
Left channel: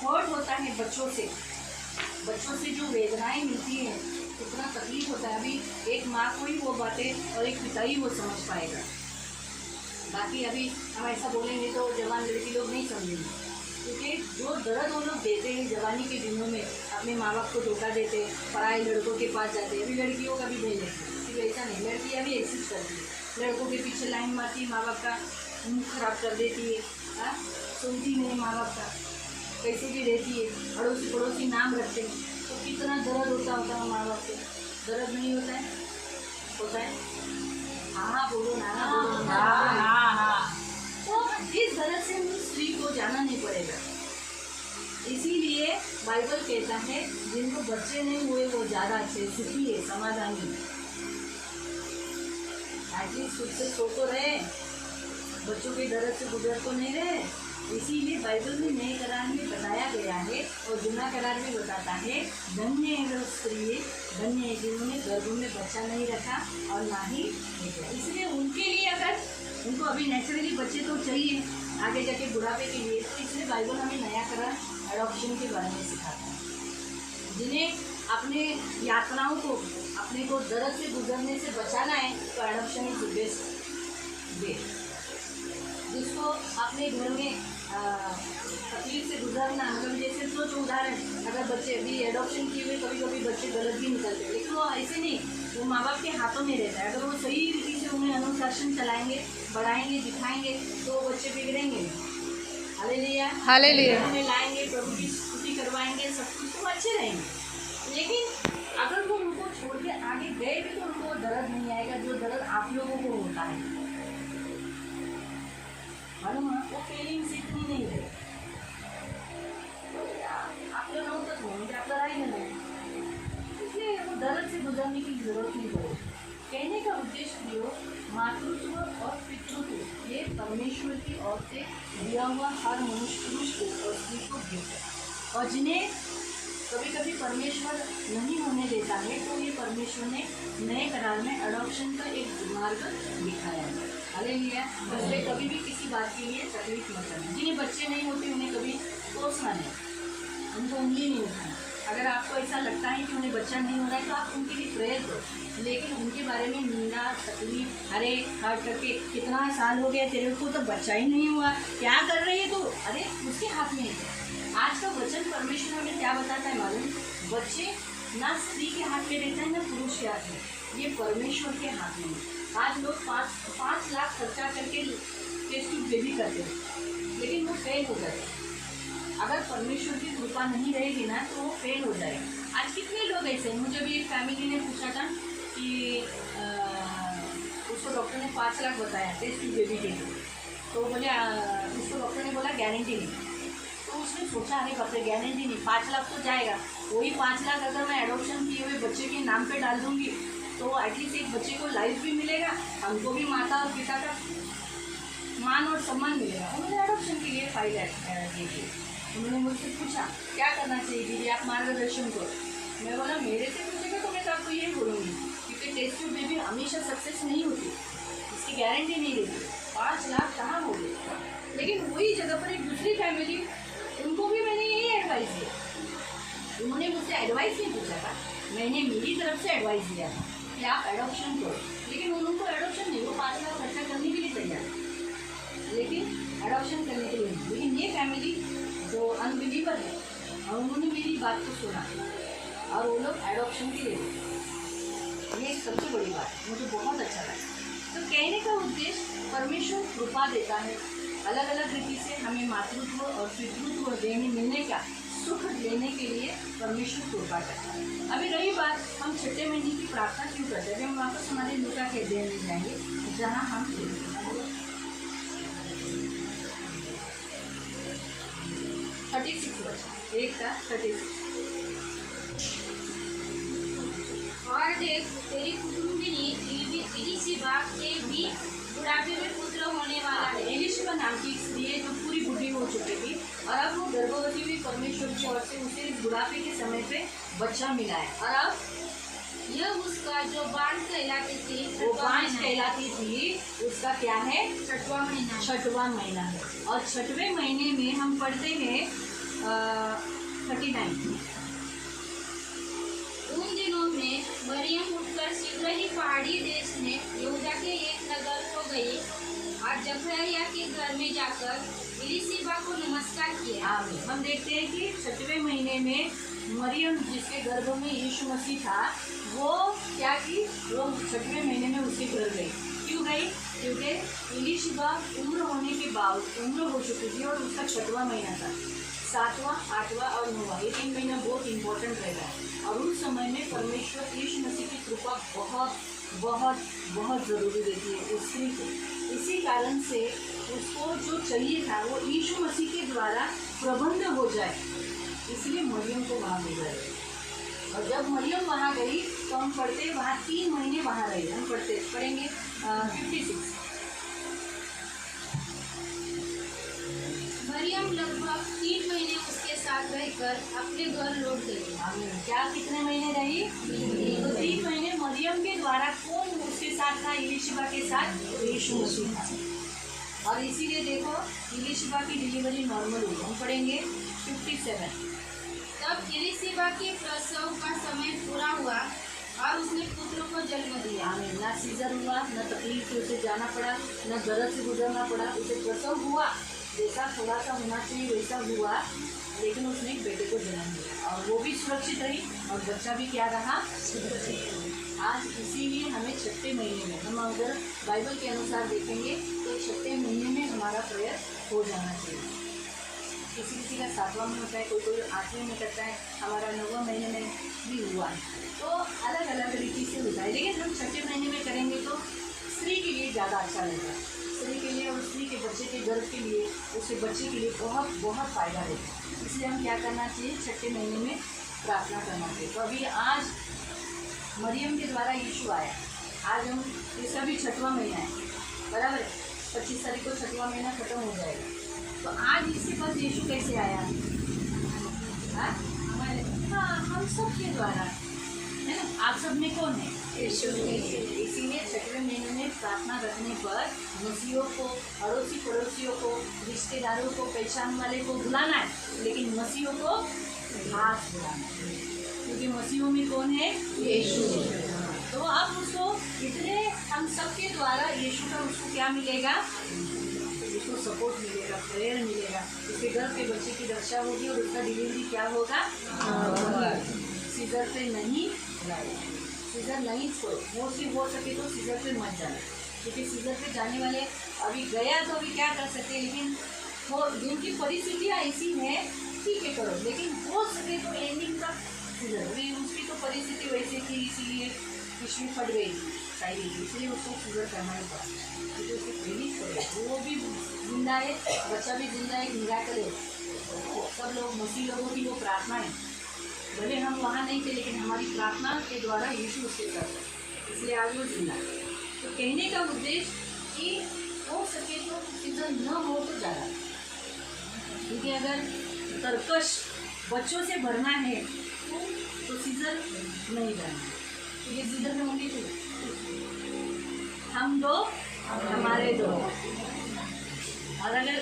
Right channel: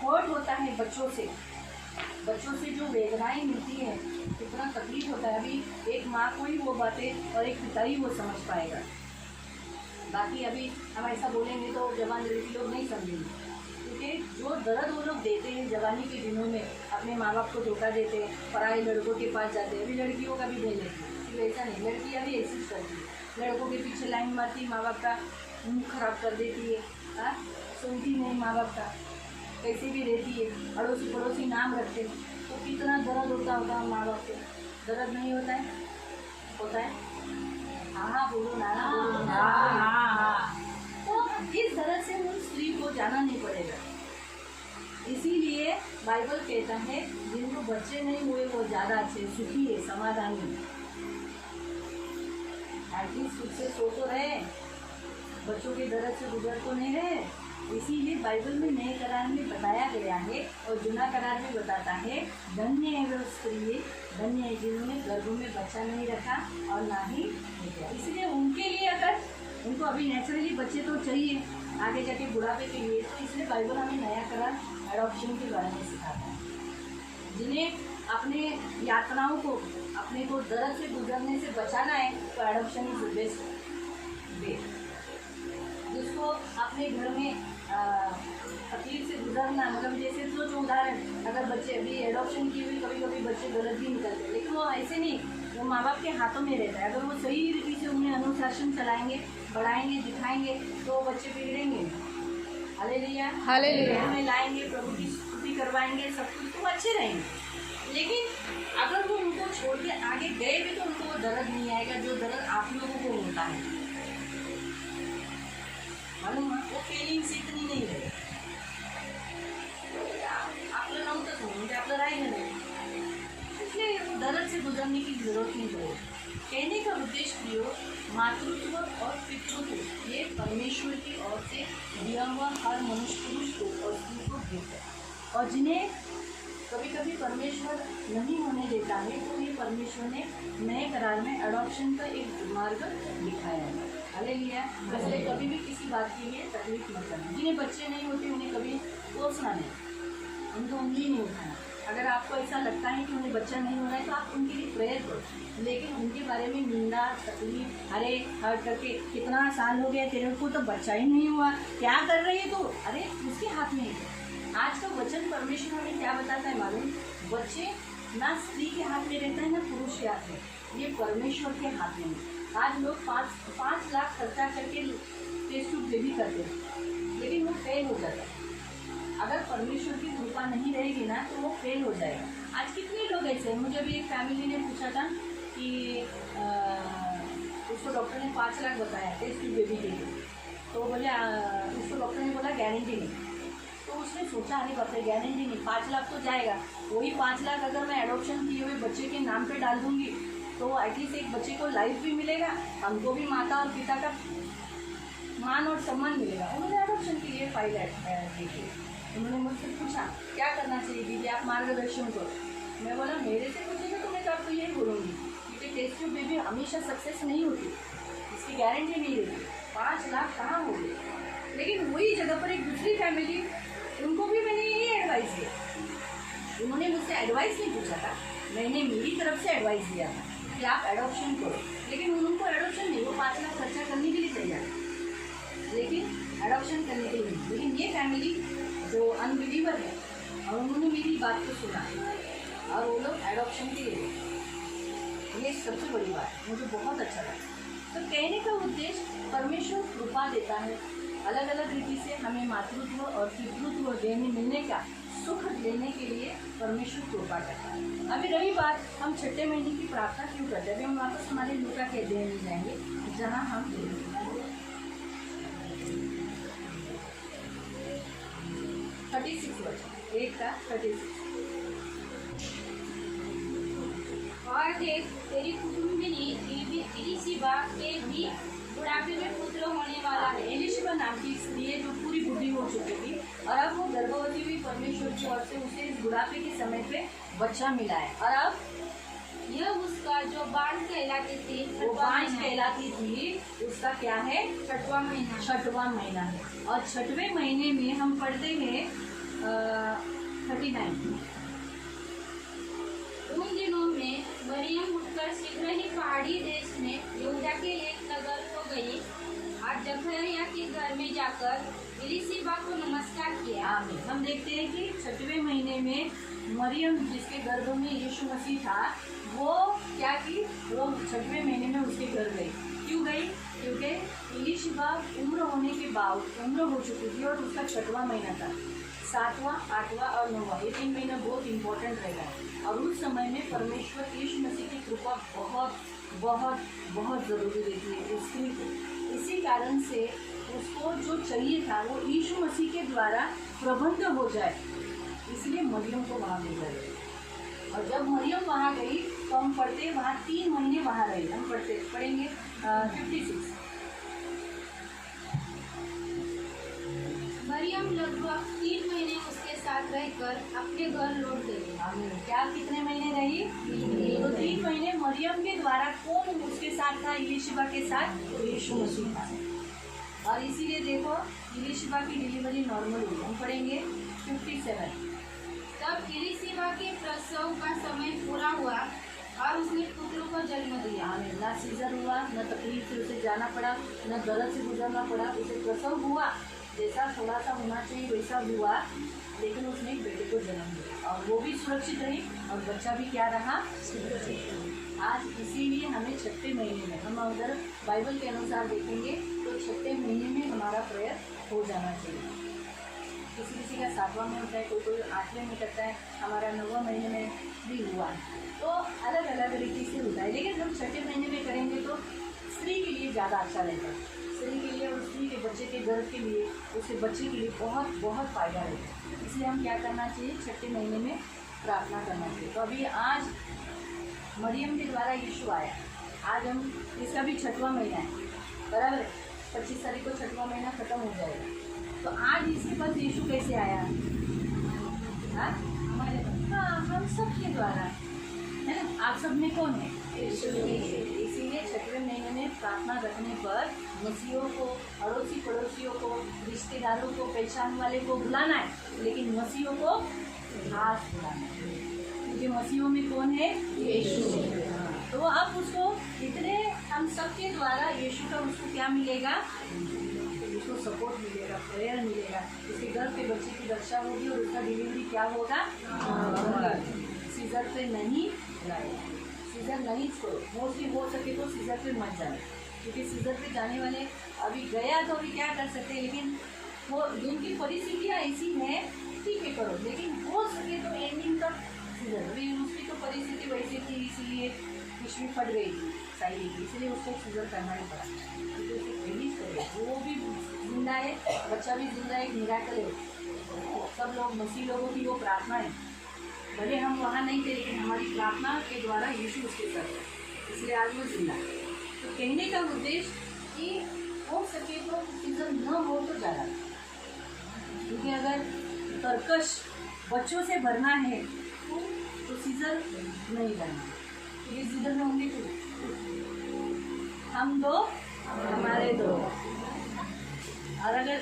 हर्ट होता है बच्चों से जो वेदनाएं मिलती हैं, कितना तकलीफ होता है। अभी एक माँ को ही वो बातें और एक पिता ही वो समझ पाएगा। बाकी अभी हम ऐसा बोलेंगे तो जवान लड़की लोग नहीं समझेंगे, क्योंकि जो दर्द वो लोग देते हैं जवानी के दिनों में, अपने माँ बाप को धोखा देते, पराए लड़कों के पास जाते हैं। अभी लड़कियों का भी नहीं लेते, ऐसा नहीं, लड़कियाँ भी ऐसी करती है, लड़कों के पीछे लाइन मारती, माँ बाप का मुँह खराब कर देती है, हाँ, सुनती नहीं माँ बाप का, कैसे भी रहती है, अड़ोसी पड़ोसी नाम रखते हैं। तो कितना दर्द होता है माँ बाप को, दर्द नहीं होता है? होता है। हाँ बोलो, नाना बोलो। हाँ। तो इस दर्द से उस स्त्री को जाना नहीं पड़ेगा। इसीलिए बाइबल कहता है जिनको बच्चे नहीं हुए वो ज़्यादा अच्छे, सुखी है, समाधानी। एटलीस्ट खुद से सो तो रहे, बच्चों के दर्द से गुजर तो नहीं रहे। इसीलिए बाइबल में नए करार में बताया गया है और जुना करार में बताता है, धन्य है वो स्त्री, धन्य है जिन्होंने गर्भ में बच्चा नहीं रखा और ना ही बेटा। इसलिए उनके लिए, अगर उनको अभी नेचुरली बच्चे तो चाहिए आगे जाके बुढ़ापे के लिए, तो इसलिए बाइबल हमें नया करार एडॉप्शन के बारे में सिखाता है। जिन्हें अपने यात्राओं को, अपने को दर्द से गुजरने से बचाना है, तो adoption is the best way. जिसको अपने घर में तकलीफ से गुजरना, मतलब जैसे सोचो उदाहरण, अगर बच्चे अभी एडॉप्शन किए हुए कभी कभी बच्चे गलत भी निकलते हैं, लेकिन वो ऐसे नहीं, वो माँ बाप के हाथों में रहता है। अगर वो सही रीति से उन्हें अनुशासन चलाएंगे, बढ़ाएंगे, दिखाएंगे, तो बच्चे बिगड़ेंगे। हालेलुया में लाएंगे, प्रभु की स्तुति करवाएंगे, सब कुछ तो अच्छे रहेंगे। लेकिन अगर वो उनको छोड़ के आगे गए भी तो उनको वो दर्द नहीं आएगा जो दर्द आप लोगों को होता है। मालूम है, वो फीलिंग्स इतनी नहीं है। आपलं नव्हतंच म्हणजे आपलं राहिलं नाही, इसलिए वो दर्द से गुजरने की जरूरत नहीं पड़े। कहने का उद्देश्य प्रियो, मातृत्व और पितृत्व ये परमेश्वर की ओर से दिया हुआ हर मनुष्य पुरुष को और स्त्री को गिफ्ट है। और जिन्हें कभी कभी परमेश्वर नहीं होने देता है, तो ये परमेश्वर ने नए करार में अडॉप्शन का एक मार्ग दिखाया है। हालेलुया। इसलिए कभी भी किसी बात के लिए तकलीफ मत करना। जिन्हें बच्चे नहीं होते उन्हें कभी कोसना नहीं, उनको उंगली नहीं उठाना। अगर आपको ऐसा लगता है कि उन्हें बच्चा नहीं हो रहा है तो आप उनके लिए प्रेयर करो, लेकिन उनके बारे में निंदा, तकलीफ, अरे हर करके कितना साल हो गया तेरे को तो बच्चा ही नहीं हुआ, क्या कर रही है तू, अरे उसके हाथ में है। आज का वचन परमेश्वर हमें क्या बताता है मालूम? बच्चे ना स्त्री के हाथ में रहता है ना पुरुष के हाथ में, ये परमेश्वर के हाथ में है। आज लोग 5 लाख खर्चा करके टेस्ट ट्यूब बेबी करते हैं, लेकिन वो फेल हो जाता है। अगर परमेश्वर की कृपा नहीं रहेगी ना तो वो फेल हो जाएगा। आज कितने लोग ऐसे हैं, मुझे भी एक फैमिली ने पूछा था कि उसको डॉक्टर ने 5 लाख बताया टेस्ट ट्यूब बेबी के लिए, तो बोले उसको डॉक्टर ने बोला गारंटी नहीं। तो उसने सोचा अरे बाप रे, गारंटी नहीं, 5 लाख तो जाएगा, वही 5 लाख अगर मैं एडॉप्शन किए हुए बच्चे के नाम पे डाल दूँगी तो एटलीस्ट एक बच्चे को लाइफ भी मिलेगा, हमको भी माता और पिता का मान और सम्मान मिलेगा। उन्होंने एडॉप्शन के लिए फायदा देखिए। उन्होंने मुझसे पूछा क्या करना चाहिए दीदी, आप मार्गदर्शन करो। मैं बोला मेरे से पूछेगा तो मैं तो आपको यही बोलूँगी, क्योंकि टेस्ट ट्यूब बेबी हमेशा सक्सेस नहीं होती, इसकी गारंटी नहीं रहती। 5 लाख कहाँ हो गए। लेकिन वही जगह पर एक दूसरी फैमिली, उनको भी मैंने यही एडवाइस दिया। उन्होंने मुझसे एडवाइस नहीं पूछा था, मैंने मेरी तरफ से एडवाइस दिया था कि आप एडॉप्शन करो, लेकिन उनको एडॉप्शन नहीं, वो 5 लाख खर्चा करने के लिए तैयार, लेकिन एडॉप्शन करने के लिए नहीं। लेकिन ये फैमिली जो अनबिलीवर है और उन्होंने मेरी बात को सुना और वो लोग एडॉप्शन के लिए, ये सबसे बड़ी बात है, मुझे बहुत अच्छा लगा। तो कहने का उद्देश्य परमेश्वर कृपा देता है, अलग अलग रीति से हमें मातृत्व और पितृत्व देने मिलने का सुख लेने के लिए परमेश्वर कृपा करता है। अभी रही बात हम छठे महीने की प्रार्थना क्यों करते हैं, अभी हम वापस हमारे लूका के अध्ययन में जाएंगे जहाँ हम 36 वर्ष एक का 36। और देख तेरी कुटुंबिनी इलिशिबा के भी बुढ़ापे में पुत्र होने वाला है। एलिशिबा नाम की स्त्री है जो पूरी बूढ़ी हो चुकी थी और अब वो गर्भवती हुई, परमेश्वर की ओर से उसे बुढ़ापे के समय पे बच्चा मिला है। और अब यह उसका जो बाल कहलाती थी, वो 5 कहलाती थी, उसका क्या है? 6वां महीना। 6वां महीना है। और 6वें महीने में हम पढ़ते हैं 39। उन दिनों में मरियम उठकर शीघ्र ही पहाड़ी देश में यहूदा के एक नगर को गई और जकरिया के घर में जाकर इलिशिबा को नमस्कार किया। हम देखते हैं कि 6वें महीने में मरियम जिसके गर्भ में यीशु मसीह था, वो क्या की, वो 6वें महीने में उसके घर गई। क्यों गई? क्योंकि इलिशिबा उम्र होने के बाद उम्र हो चुकी थी और उसका 6वां महीना था। 7वां, 8वां और 9वां ये 3 महीना बहुत इंपॉर्टेंट रहेगा। और उस समय में परमेश्वर यीशु मसीह की कृपा बहुत बहुत बहुत ज़रूरी रहती है उस स्त्री को। इसी कारण से उसको जो चाहिए था वो यीशु मसीह के द्वारा प्रबंध हो जाए, इसलिए मरियम को वहाँ ले गए। और जब मरियम वहाँ गई कम पढ़ते वहाँ 3 महीने वहाँ रहे। हम पढ़ेंगे 56। मरियम लगभग 3 महीने उसके साथ रहकर अपने घर लौट गई। आमीन। क्या कितने महीने रही? तो 3 महीने मरियम के द्वारा कौन उसके साथ था? इलिशिबा के साथ यीशु मसीह था। और इसीलिए देखो इलिशिबा की डिलीवरी नॉर्मल हुई। हम पढ़ेंगे 57। तब इलिशिबा के प्रसव का समय पूरा हुआ और उसने पुत्र को जन्म दिया। आमीन। ना सीजर हुआ, न तकलीफ से उसे जाना पड़ा, न दर्द से गुजरना पड़ा। उसे प्रसव हुआ, जैसा थोड़ा सा होना चाहिए वैसा हुआ, लेकिन उसने एक बेटे को जन्म दिया और वो भी सुरक्षित रही और बच्चा भी क्या रहा? सुरक्षित। आज इसीलिए हमें 6ठे महीने में, हम अगर बाइबल के अनुसार देखेंगे तो 6ठे महीने में हमारा प्रेयर हो जाना चाहिए। किसी किसी का 7वां में होता है, कोई कोई 8वें में करता है, हमारा 9वां महीने में भी हुआ है। तो अलग अलग तरीके से होता है, लेकिन हम 6ठे महीने में करेंगे तो स्त्री के लिए ज़्यादा अच्छा रहेगा। स्त्री के लिए और स्त्री के बच्चे के गर्भ के लिए, उसके बच्चे के लिए बहुत बहुत फ़ायदा रहेगा। इसलिए हम क्या करना चाहिए? 6ठे महीने में प्रार्थना करना चाहिए। तो अभी आज मरियम के द्वारा यीशु आया। आज हम, इसका भी 6वां महीना है, बराबर है। 25 तारीख को 6वां महीना ख़त्म हो जाएगा। तो आज इसके पास यीशु कैसे आया? हाँ, हम सब के द्वारा, है ना। आप सब में कौन है? यीशु। इसीलिए 6वें महीने में प्रार्थना रखने पर मसीहों को, अड़ोसी पड़ोसियों को, रिश्तेदारों को, पहचान वाले को बुलाना है, लेकिन मसीहों को खास बुलाना है, क्योंकि मसीहों में कौन है? यीशु। तो अब उसको इतने, हम सबके द्वारा यीशु का उसको क्या मिलेगा? उसको सपोर्ट मिलेगा, प्रेयर मिलेगा, उसके घर के बच्चे की रक्षा होगी और उसका डिलीवरी क्या होगा? सीजर पे नहीं लाए, सीजर नहीं छोड़ो। मोस्टली हो सके तो सीजर पे मत जाना, क्योंकि सीजर पे जाने वाले अभी गया तो अभी क्या कर सकते हैं, लेकिन वो जिनकी परिस्थितियाँ ऐसी हैं ठीक है करो, लेकिन हो सके तो एंडिंग तक सीजर। अभी उसकी तो परिस्थिति वैसी थी, इसीलिए पिछली फट गई थी चाहिए, इसलिए उसको सीजर करना ही पड़ा, क्योंकि उसकी पहली पड़े वो भी जिंदा है, बच्चा भी जिंदा है, मिराकल है। सब लोग मसीह लोगों की वो प्रार्थना है, भले हम वहाँ नहीं थे, लेकिन हमारी प्रार्थना के द्वारा यीशु उसके करते हैं, इसलिए आज वो जिंदा है। तो कहने का उद्देश्य कि हो सके तो सीजर न हो तो ज़्यादा, क्योंकि अगर तरकश बच्चों से भरना है तो सीजर नहीं करना है, क्योंकि सीजर में होंगे तो हम दो हमारे दो, और अगर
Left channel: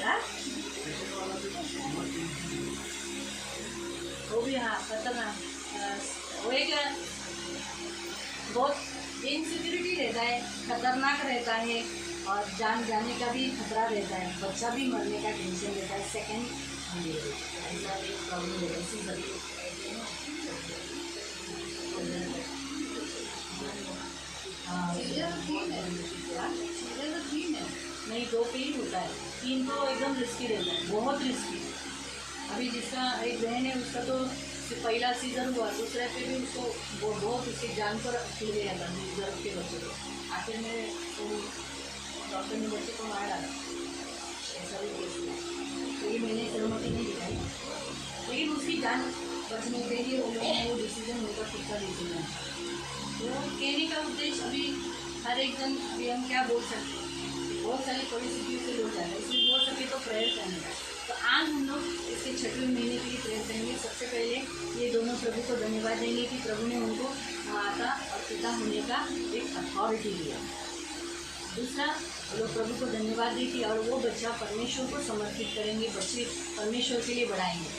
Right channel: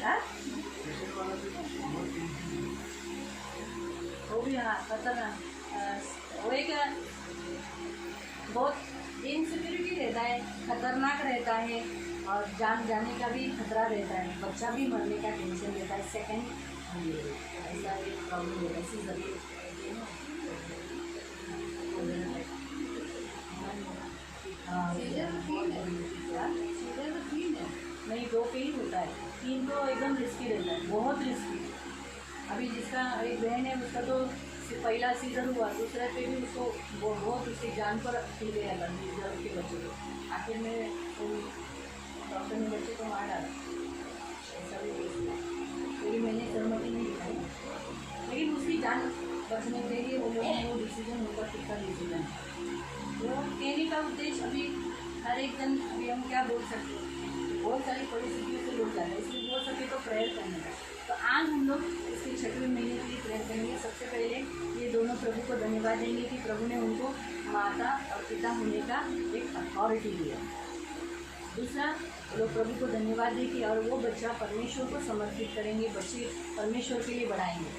वो भी, हाँ खतरनाक, वो एक बहुत इनसिक्योरिटी रहता है, खतरनाक रहता है, और जान जाने का भी खतरा रहता है, बच्चा भी मरने का टेंशन रहता है। सेकेंड ऐसा एक प्रॉब्लम है, ऐसी बड़ी नहीं, 2 पे ही होता है, 3 तो एकदम रिस्की रहता है, बहुत रिस्की। अभी जिसका एक बहन है उसका तो पहला सीजर हुआ, दूसरे पे भी उसको बहुत उसकी जान पर फिर गया था गर्भ के बच्चे को, आखिर में तो डॉक्टर ने बच्चे को मार डाला, ऐसा भी लेकिन मैंने सहमति नहीं दिखाई, लेकिन उसकी जान बचने के लिए वो लोगों ने वो डिसीजन उनका खुद का डिसीजन। तो कहने का उद्देश्य अभी हर एक जन, अभी हम क्या बोल सकते हैं, बहुत सारी परिस्थितियों से लोग जाते हैं, इसलिए बोल सके तो प्रेयर करने का। तो आज हम लोग इसके 6वें महीने के लिए प्रेयर करेंगे। सबसे पहले ये दोनों प्रभु को धन्यवाद देंगे कि प्रभु ने उनको माता और पिता होने का एक अथॉरिटी दिया। दूसरा, लोग प्रभु को धन्यवाद दें कि और वो बच्चा परमेश्वर को समर्पित करेंगे, बच्चे परमेश्वर के लिए बढ़ाएंगे,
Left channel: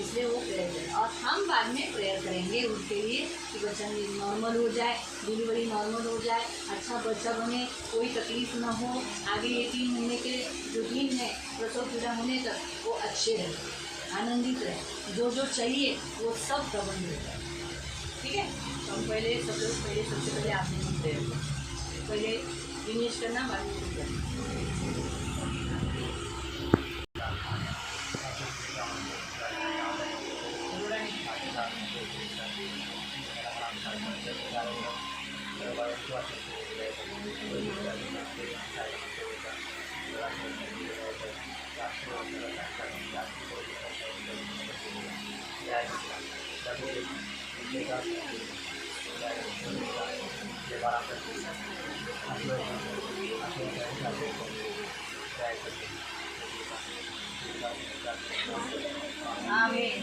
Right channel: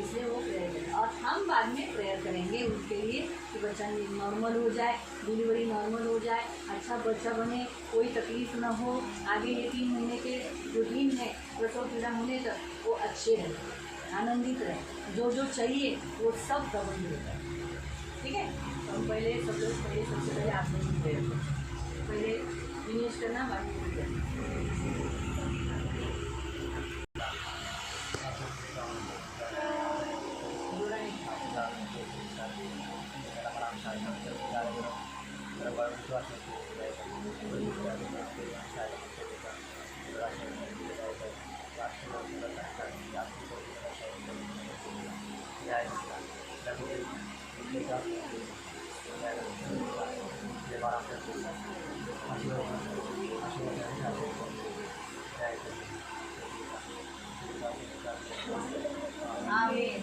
इसलिए वो प्रेयर करें। और हम बाद में प्रेयर करेंगे उनके लिए कि बच्चा नॉर्मल हो जाए, डिलीवरी नॉर्मल हो जाए, अच्छा बच्चा बने, कोई तकलीफ ना हो, आगे ये 3 महीने के जो दिन है प्रसव पीड़ा होने तक वो अच्छे रहे, आनंदित रहे, जो जो चाहिए वो सब प्रबंध होता है। ठीक है, तो हम पहले सब लोग सबसे पहले आप लोग प्रेयर करें, पहले दिनेश करना, बाद में Yeah. और आपका आमेन.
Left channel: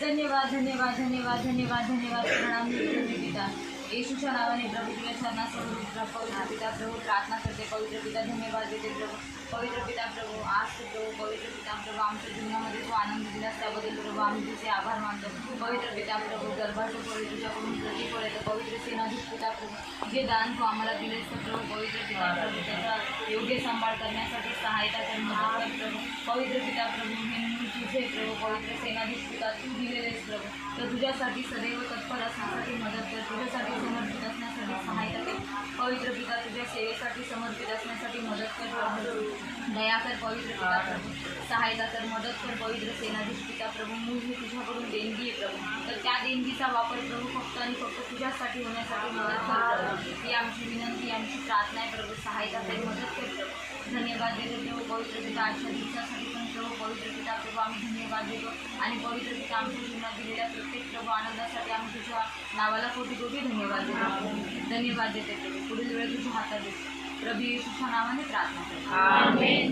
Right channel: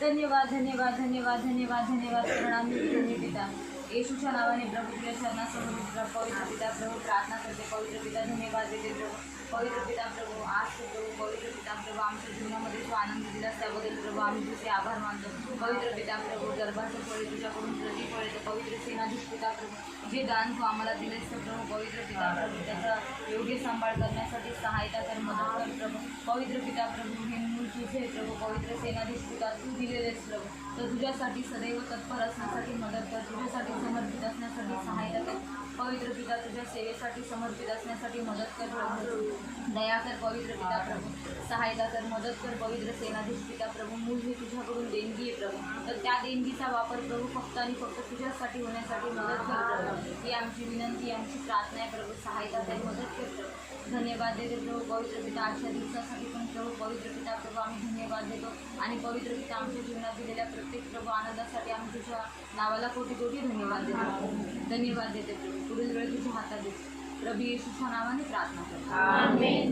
धन्यवाद धन्यवाद धन्यवाद धन्यवाद धन्यवाद. प्रणाम प्रेमी पिता येशूच्या नावाने प्रभू तुझ्या चरणासमोर पवित्र पिता प्रभू प्रार्थना करते. पवित्र पिता धन्यवाद देते प्रभू. पवित्र पिता प्रभू आज प्रभू पवित्र पिता प्रभू आमच्या जीवनामध्ये जो आनंद दिलास त्याबद्दल प्रभू आम्ही तुझे आभार मानतो. पवित्र पिता प्रभू गर्भाचं फळे तुझ्याकडून प्रतिफळ येतं. पवित्र सेनाधीश पिता प्रभू जे दान तू आम्हाला दिलेस तर प्रभू पवित्र पिता प्रभू त्याचा योग्य सांभाळ करण्यासाठी सहायता कर मदत कर प्रभू. पवित्र पिता प्रभू हे मूल तुझे प्रभू पवित्र सेनाधीश पिता तू दिलेलेस प्रभू तर तुझ्यासाठी सदैव तत्पर असण्यासाठी मदत कर. तुझ्यासाठी समर्पित असण्यासाठी सहायता कर. पवित्र पिता तुझ्या सेवेसाठी समर्पित असण्यासाठी मदत कर प्रभू. दया कर पवित्र पिता प्रभू. सहायता कर मदत कर पवित्र सेनाधीश पिता प्रभू. मूल ही तुझ्याकडून देणगी आहे प्रभू तर त्या देणगीचा वापर प्रभू फक्त आणि फक्त तुझ्यासाठी होण्यासाठी मदत कर प्रभू. ही आमची विनंती आमची प्रार्थना आहे प्रभू. सहायता कर मदत कर प्रभू. धन्यवाद देतो प्रभू पवित्र पिता आजच्या दिवसासाठी पण प्रभू पवित्र पिता प्रभू आम्ही धन्यवाद देतो आणि पवित्र पिता आमच्या जीवनात दिलेल्या प्रत्येक प्रभू आनंदासाठी आम्ही तुझ्या नावाला कोटी कोटी धन्यवाद देतो. धन्यवाद देते प्रभू. पुढील वेळ तुझ्या हातात देतो. प्रभु यीशु नावाने प्रार्थना करते हैं. आमीन.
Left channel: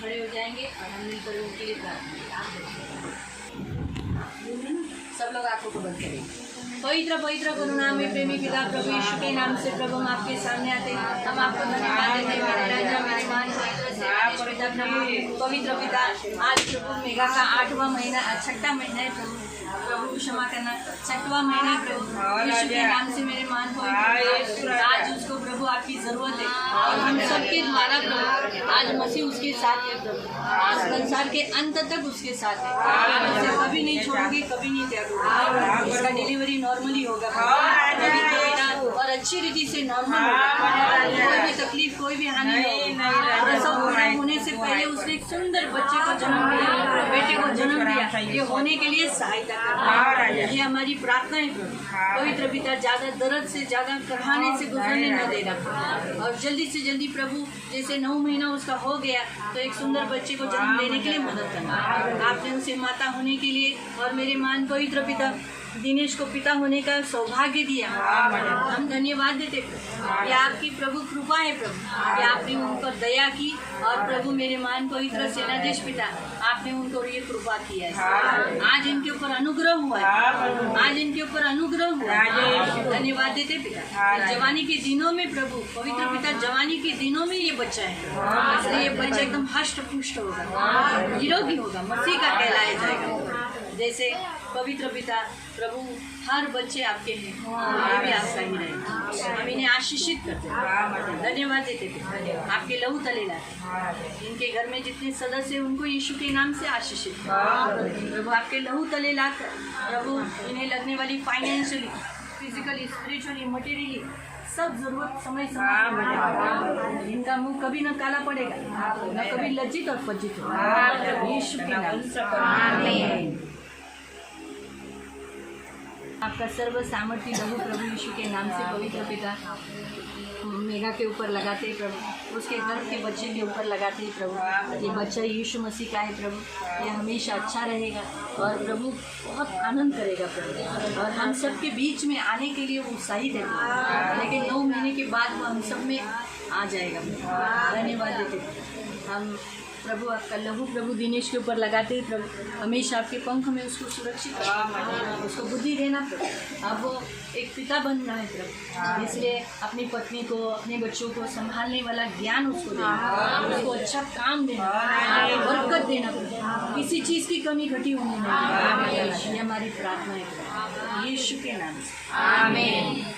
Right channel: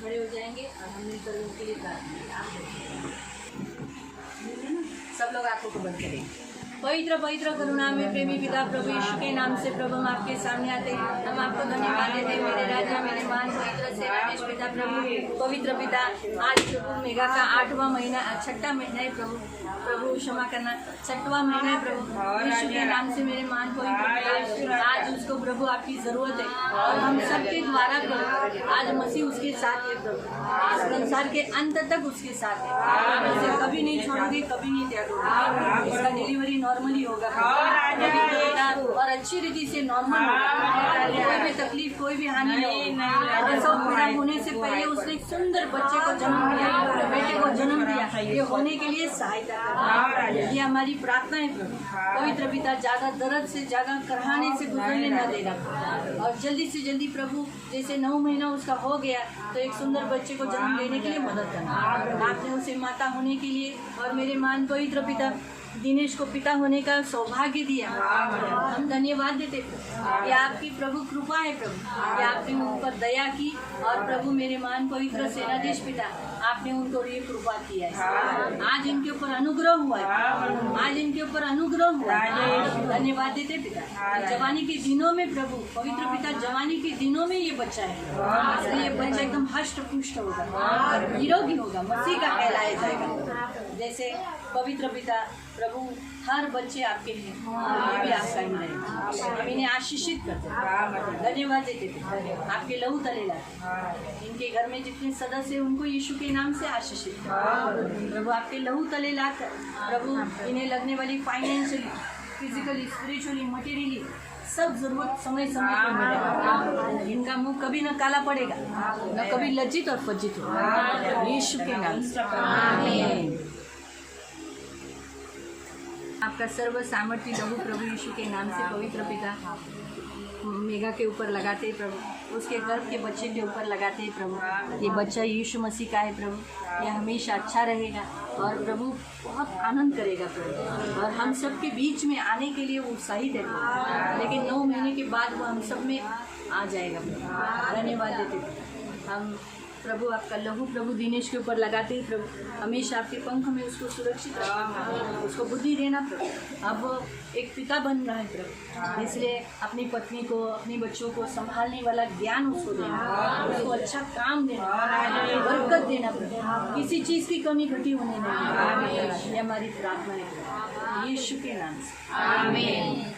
खड़े हो जाएंगे और हम मिलकर उनके लिए प्रार्थना करेंगे. सब लोग आंखों को बंद करेंगे. पवित्र पवित्र करुणा में प्रेमी पिता प्रभु यीशु के नाम से प्रभु हम आपके सामने आते हैं. हम आपको धन्यवाद देते हैं मेरे राजा मेरे मान पवित्र पिता प्रभु. पवित्र पिता आज प्रभु मेघा का 8वां महीना 6ठा महीना है प्रभु. प्रभु क्षमा करना 6वां महीना है प्रभु. यीशु के नाम से मेरे मान पवित्र आज उसको प्रभु आपकी ज़रूरत है और हम सबके द्वारा प्रभु आज मसीह उसके साथ है प्रभु. आज संसार के अंत तक उसके साथ है. आप उसे कभी नहीं छोड़ोगे कभी नहीं त्यागोगे. इसका डिलीवरी नॉर्मली होगा पवित्र पिता और अच्छी रीति से नॉर्मल होगा. कोई भी तकलीफ कोई भी हानि नहीं होगी. प्रसव पूरा होने से पहले उसने एक सुंदर बच्चे को जन्म दिया बेटे को जन्म दिया. ये होने के लिए सहायता करना है. ये हमारी प्रार्थना है प्रभु. पवित्र पिता ज़्यादा दर्द से ज़्यादा कराहने से गुजरने न देना और जल्दी से जल्दी प्रभु जैसे 9 महीना उसका हो गया तो एक सुंदर बच्चे को जन्म देने के लिए मदद करना. आपने उसे माता होने के लिए और मेरे मान पवित्र पिता दिनेश को पिता होने का सौभाग्य दिया. हम धन्यवाद देते प्रभु. ये आपकी प्रभु कृपा है प्रभु. ये आपने उन पर दया की और प्रभु मेरे मान पवित्र सेनाधीश पिता आपने उनको ये कृपा किया है. आज इनके ऊपर अनुग्रह हुआ है. आज इनके ऊपर अनुग्रह हुआ है. धन्यवाद देते पिता. जवानी के दिनों में प्रभु पवित्र पिता जवानी के दिनों में ये बच्चा है इसलिए ये बच्चा एकदम हष्ट पुष्ट होगा निरोगी होगा मसीह का कहलाया जाएगा. जैसे पवित्र पिता प्रभु हर बच्चे आपके हैं ये भी आपका ही रहेगा. हम इन्हें आशीषित करते हैं. धन्यवाद देते थे. आपके लहू तले लाते इनके घर में जितने सदस्य हैं उनको यीशु के नाम से आशीषित प्रभु. आपके लहू तले लाकर प्रभु इन्हें लगने वाली फाइनेंशियली फिजिकली स्पिरिचुअली मटेरियली सब जरूरत समय पर इनका मुंह कभी न काला पड़ेगा न कभी लज्जित और पज्जित होगा. यीशु के नाम से आमीन. आपका सर्व सामर्थ्य लहू प्रभु यीशु के नाम से पवित्र पिता मेघा के ऊपर लगाते हैं प्रभु. उसके गर्भ के बच्चे के ऊपर लगाते हैं प्रभु. ये बच्चा यीशु मसीह का है प्रभु. ये हमेशा अच्छा रहेगा और प्रभु बहुत आनंद करेगा प्रभु और हम सब के बीच में आने के लिए उत्साहित है प्रभु. लेकिन 9 महीने के बाद वो हम सब में आ जाएगा प्रभु. धन्यवाद देते हम प्रभु. आपका लहू प्रभु दिनेश के ऊपर लगाते हैं प्रभु. हमेशा आपके पंख में उसको सुरक्षित उसको बुद्धि देना प्रभु. अब वो एक पिता बन रहा है प्रभु इसलिए अपनी पत्नी को अपने बच्चों को संभालने वाला ज्ञान उसको देना. उसको अच्छा काम देना बरकत देना प्रभु. किसी चीज़ की कमी घटी होने नहीं. ये हमारी प्रार्थना है प्रभु यीशु के नाम से आमीन.